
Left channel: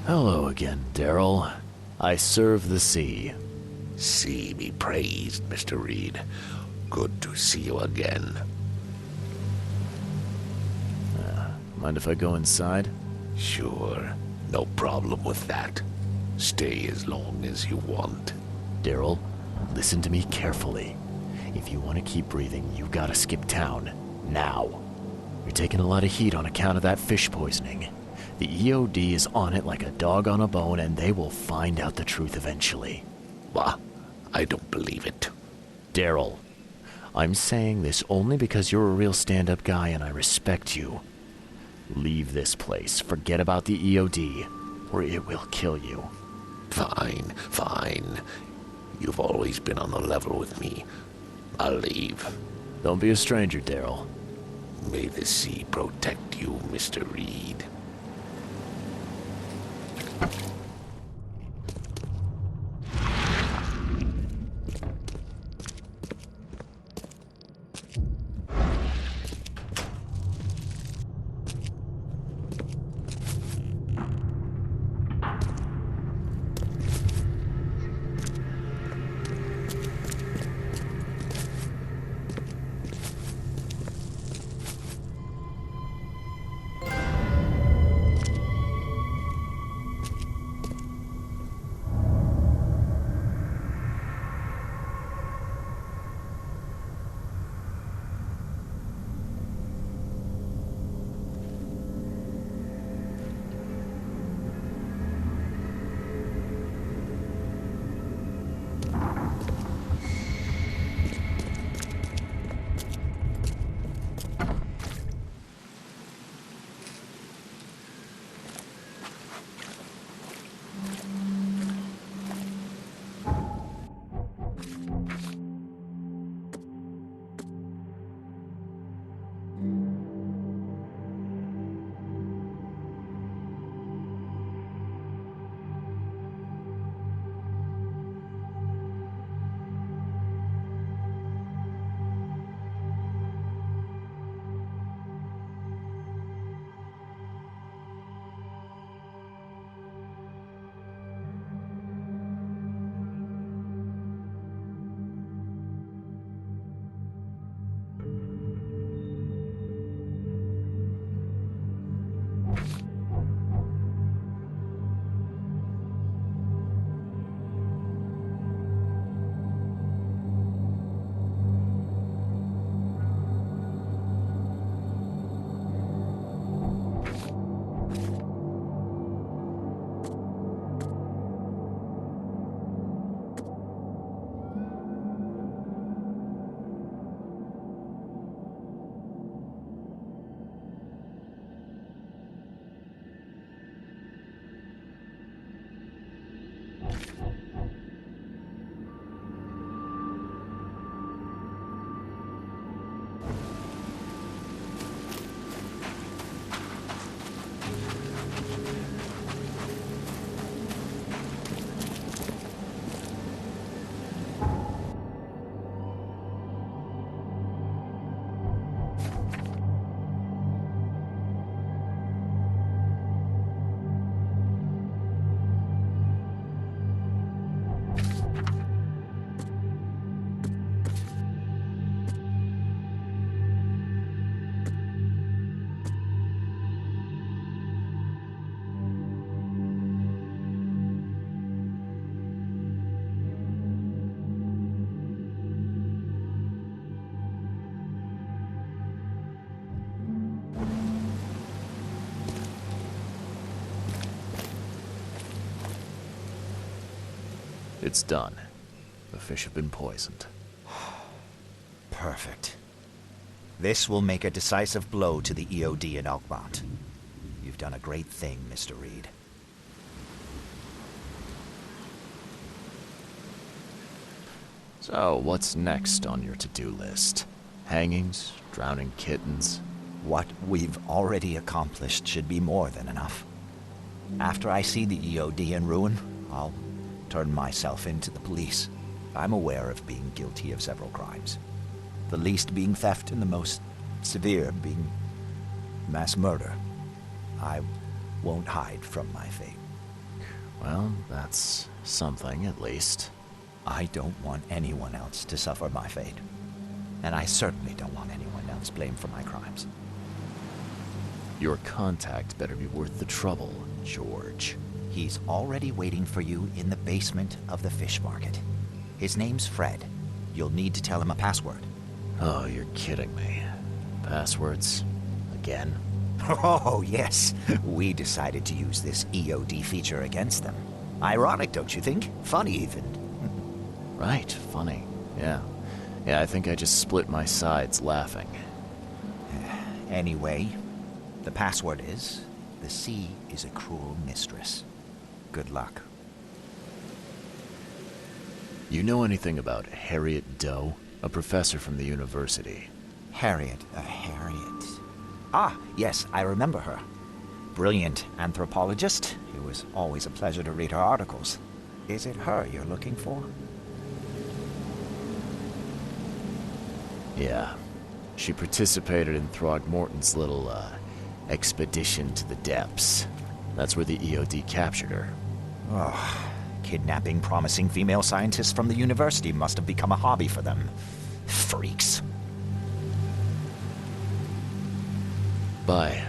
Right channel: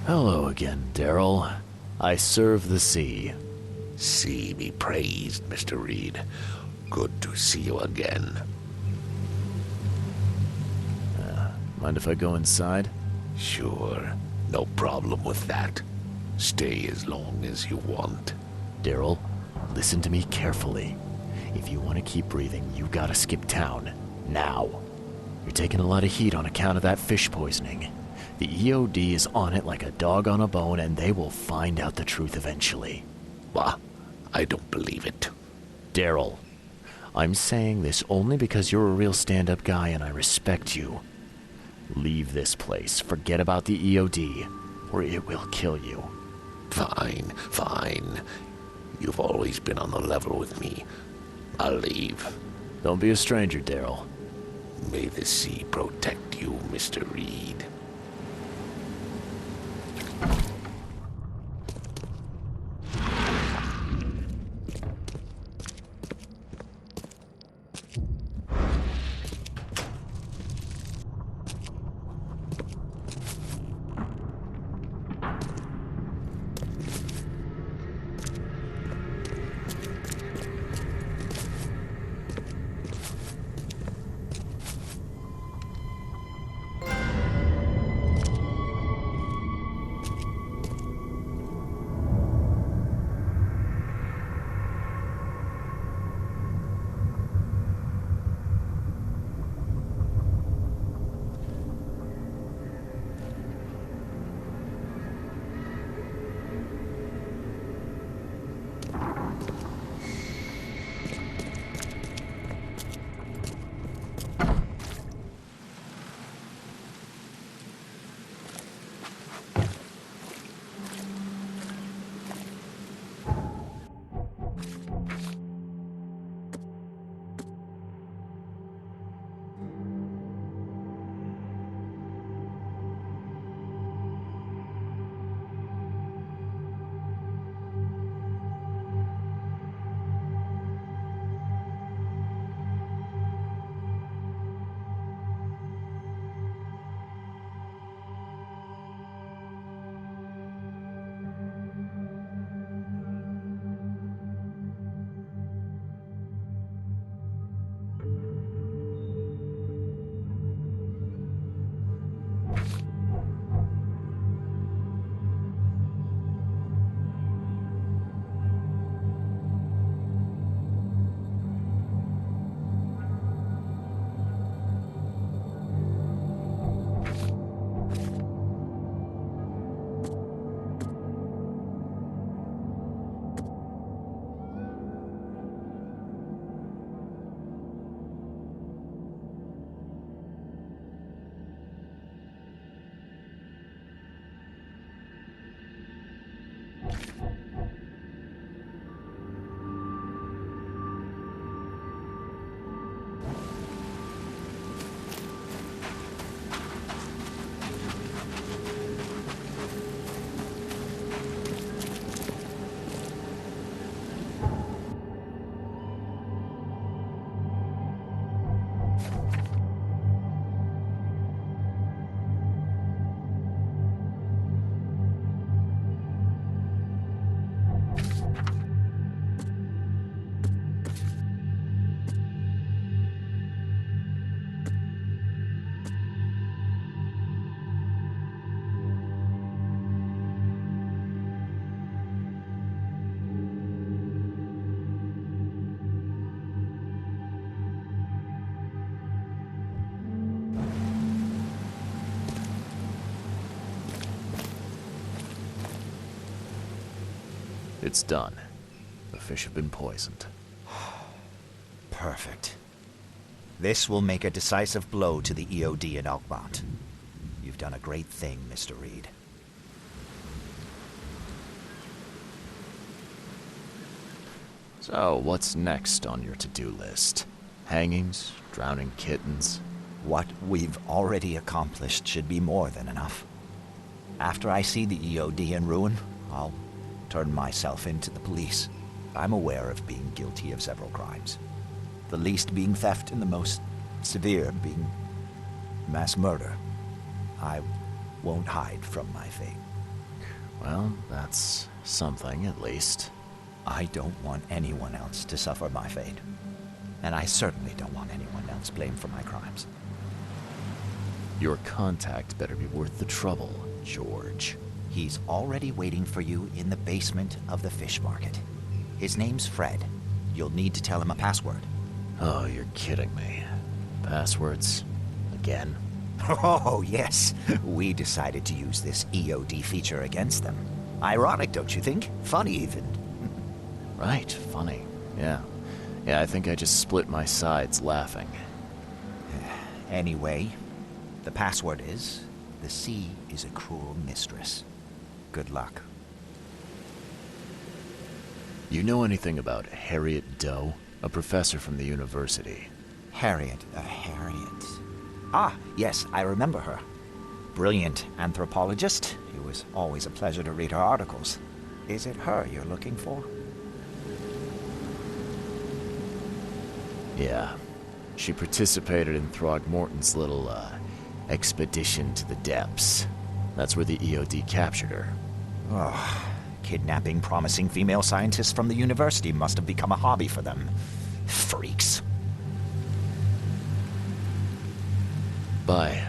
Hello again, Daryl. I serve the sea. Sea be praised, Mr. Reed. Good to see you again. Mind if I go inside? Sure. No problem with that. Stay as long as you want. Daryl, listen to me carefully. If you want to keep breathing, you gotta skip town. Now. You're taking a lot of heat on account of that fish poisoning. The EOD is on it like a dog on a bone, and they will find out the truth eventually. Bah, I don't believe it. Daryl, I'm saying this only because you're a real stand-up guy and I respect you. Leave this place, forget about the EOD, or it will kill you. Fine, fine. You've always been on the level with me. I'll leave. Don't be a stranger, Daryl. May the sea protect you, Mr. Reed. It's done. The fish have been poisoned. Perfect. This will make a decisive blow to the EOD in Oakmont. You've done a great thing, Mr. Reed. So, what's next on your to-do list? Hangings? Drowning kittens? What we've already accomplished should be more than enough. After I see the EOD in ruin, I'll turn myself in to the police. I'm aware of being guilty of several crimes. The least being theft and the most severe being mass murder. I won't hide from my fate. Well, that's something, at least. I don't want anyone else to suffer my fate. And I certainly don't want anyone else blamed for my crimes. Your contact better be worth the trouble, George. He's already waiting for you in the basement of the fish market. His name's Fred. You'll need to tell him a password. Oh, you're kidding me. Passwords? Again? Oh, yes. We decided to use this EOD feature against them. Ironic, don't you think? Funny, even. Right, funny. Yeah. Yeah, I think I just split my sides laughing. Anyway, the password is, the sea is a cruel mistress. Good luck. You know anything about Harriet Doe? A professor from the university. Harriet. Ah, yes, I remember her. Brilliant anthropologist. It was always a pleasure to read her articles. Is it her you're looking for? Yeah. She participated in Throgmorton's little, expedition to the depths. That's where the EOD captured her. Oh, kidnapping promising female scientists from the university must have become a hobby for them. Freaks. Bye.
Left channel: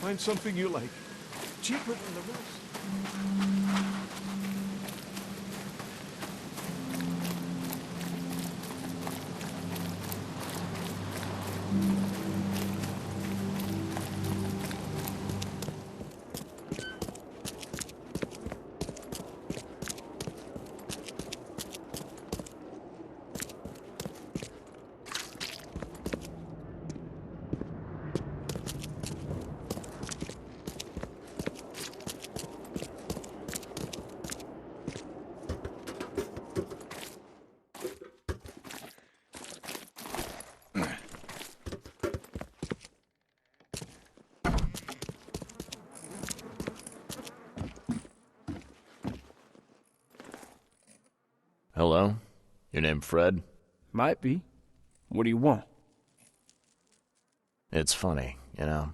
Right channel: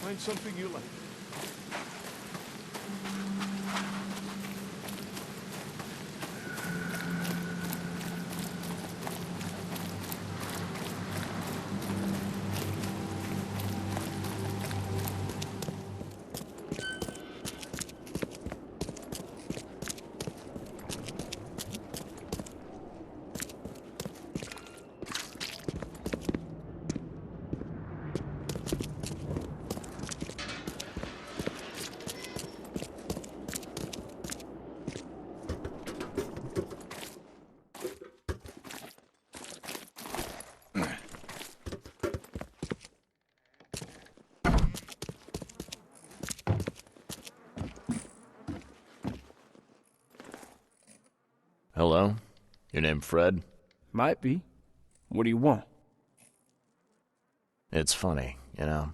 Find something you like. Gee, look. Hello? Your name Fred? Might be. What do you want? It's funny, you know.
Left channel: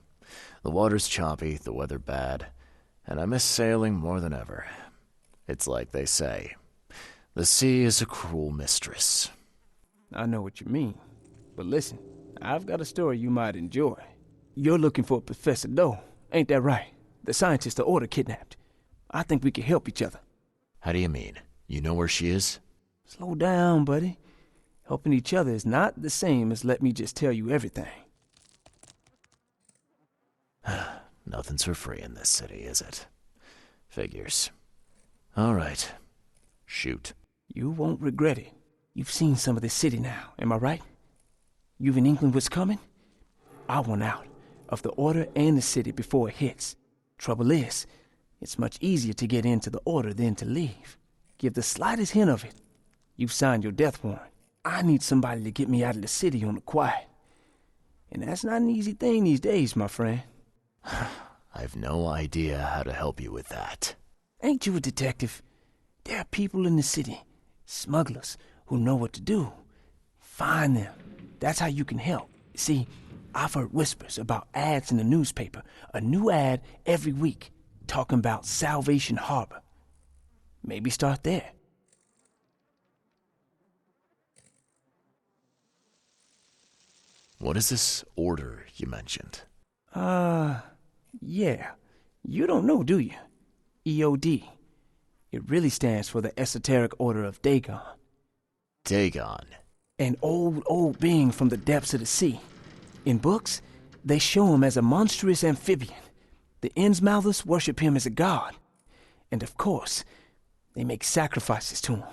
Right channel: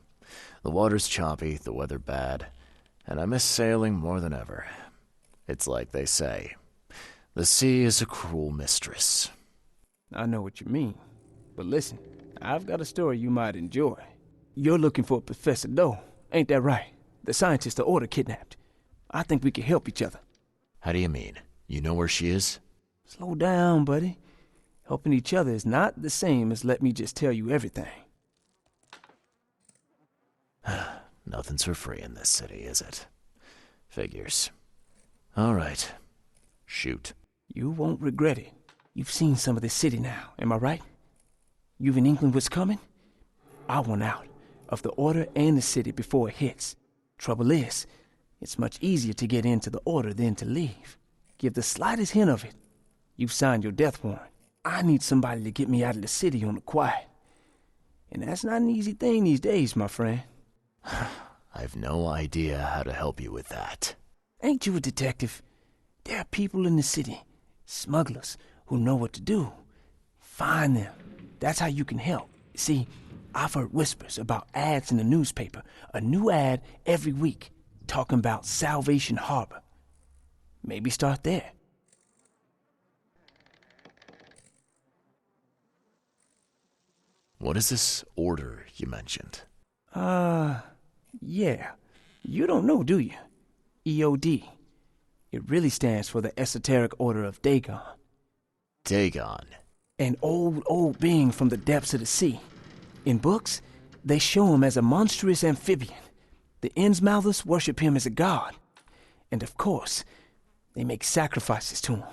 The water's choppy, the weather bad, and I miss sailing more than ever. It's like they say, the sea is a cruel mistress. I know what you mean. But listen, I've got a story you might enjoy. You're looking for Professor Doe, ain't that right? The scientist the Order kidnapped. I think we can help each other. How do you mean? You know where she is? Slow down, buddy. Helping each other is not the same as let me just tell you everything. Nothing's for free in this city, is it? Figures. All right. Shoot. You won't regret it. You've seen some of this city now, am I right? You've in England what's coming? I want out of the Order and the city before it hits. Trouble is, it's much easier to get into the Order than to leave. Give the slightest hint of it. You've signed your death warrant. I need somebody to get me out of the city on the quiet. And that's not an easy thing these days, my friend. I've no idea how to help you with that. Ain't you a detective? There are people in the city, smugglers, who know what to do. Find them. That's how you can help. See, I've heard whispers about ads in the newspaper. A new ad every week, talking about Salvation Harbor. Maybe start there. What is this order you mentioned? Yeah. You don't know, do you? EOD. It really stands for the Esoteric Order of Dagon. Dagon? An old being from the depths of the sea. In books, they show him as a monstrous amphibian. The Innsmouthers worship him as a god. And of course, they make sacrifices to him.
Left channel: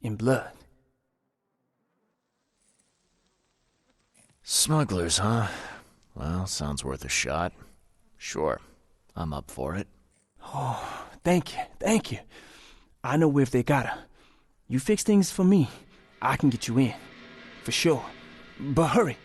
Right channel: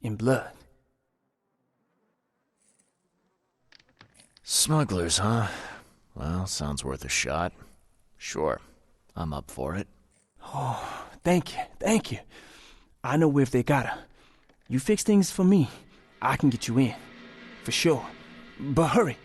In blood. Smugglers, huh? Well, sounds worth a shot. Sure, I'm up for it. Oh, thank you. I know where if they got her. You fix things for me, I can get you in. For sure. But hurry.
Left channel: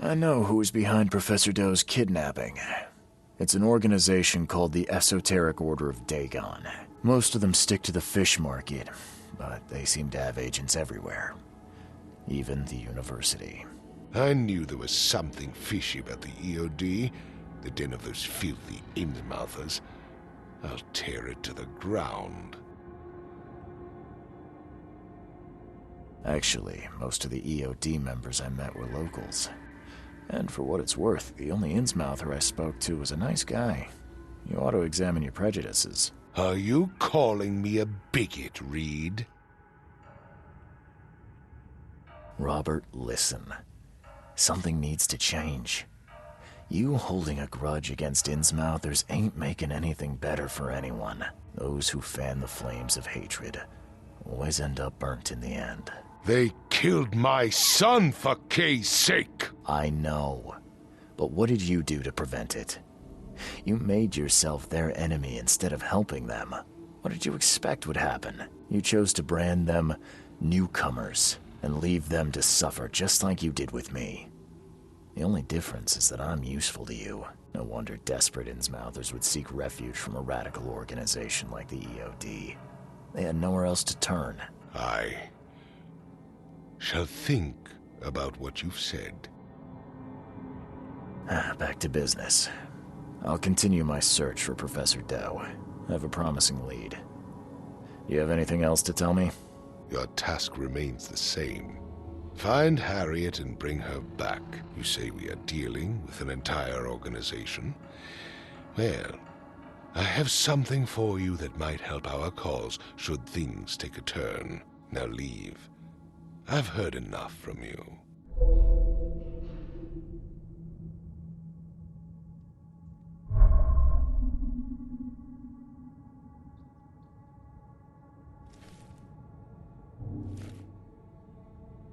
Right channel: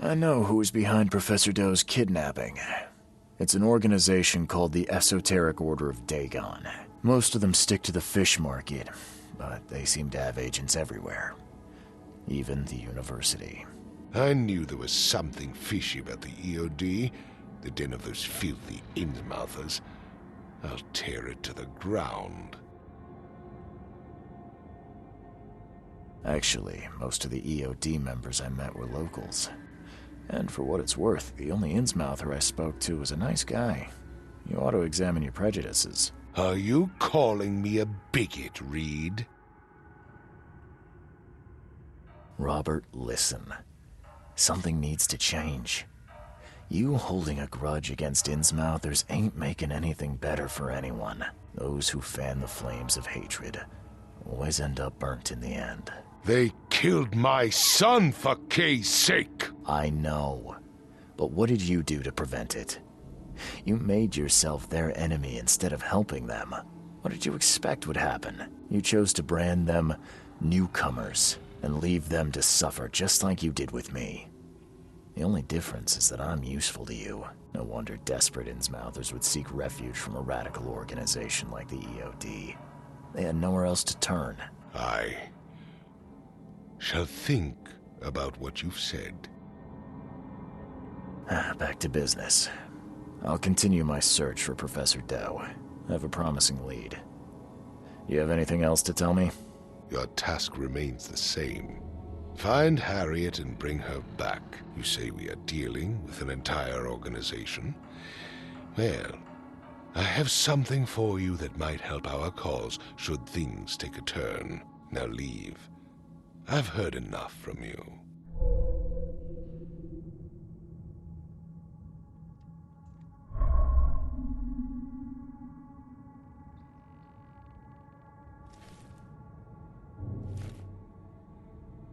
I know who's behind Professor Doe's kidnapping. It's an organization called the Esoteric Order of Dagon. Most of them stick to the fish market, but they seem to have agents everywhere. Even the university. I knew there was something fishy about the EOD, the den of those filthy Innsmouthers. I'll tear it to the ground. Actually, most of the EOD members I met were locals. And for what it's worth, the only Innsmouther I spoke to was a nice guy. You ought to examine your prejudices. Are you calling me a bigot, Reed? Robert, listen. Something needs to change. You holding a grudge against Innsmouthers ain't making anything better for anyone. Those who fan the flames of hatred always end up burnt in the end. They killed my son, for Kay's sake! I know. But what did you do to prevent it? You made yourself their enemy instead of helping them. What did you expect would happen? You chose to brand them newcomers and leave them to suffer just like you did with me. The only difference is that I'm useful to you. No wonder desperate Innsmouthers would seek refuge from a radical organization like the EOD. They had nowhere else to turn. I shall think about what you've said. Back to business. I'll continue my search for Professor Doe. I have a promising lead. You have anything else to tell me? Your task remains the same. Find Harriet and bring her back. You say we are dealing with an entire organization? Well, I have something for you that might help our cause should things take a turn. Now leave. I've heard enough from you.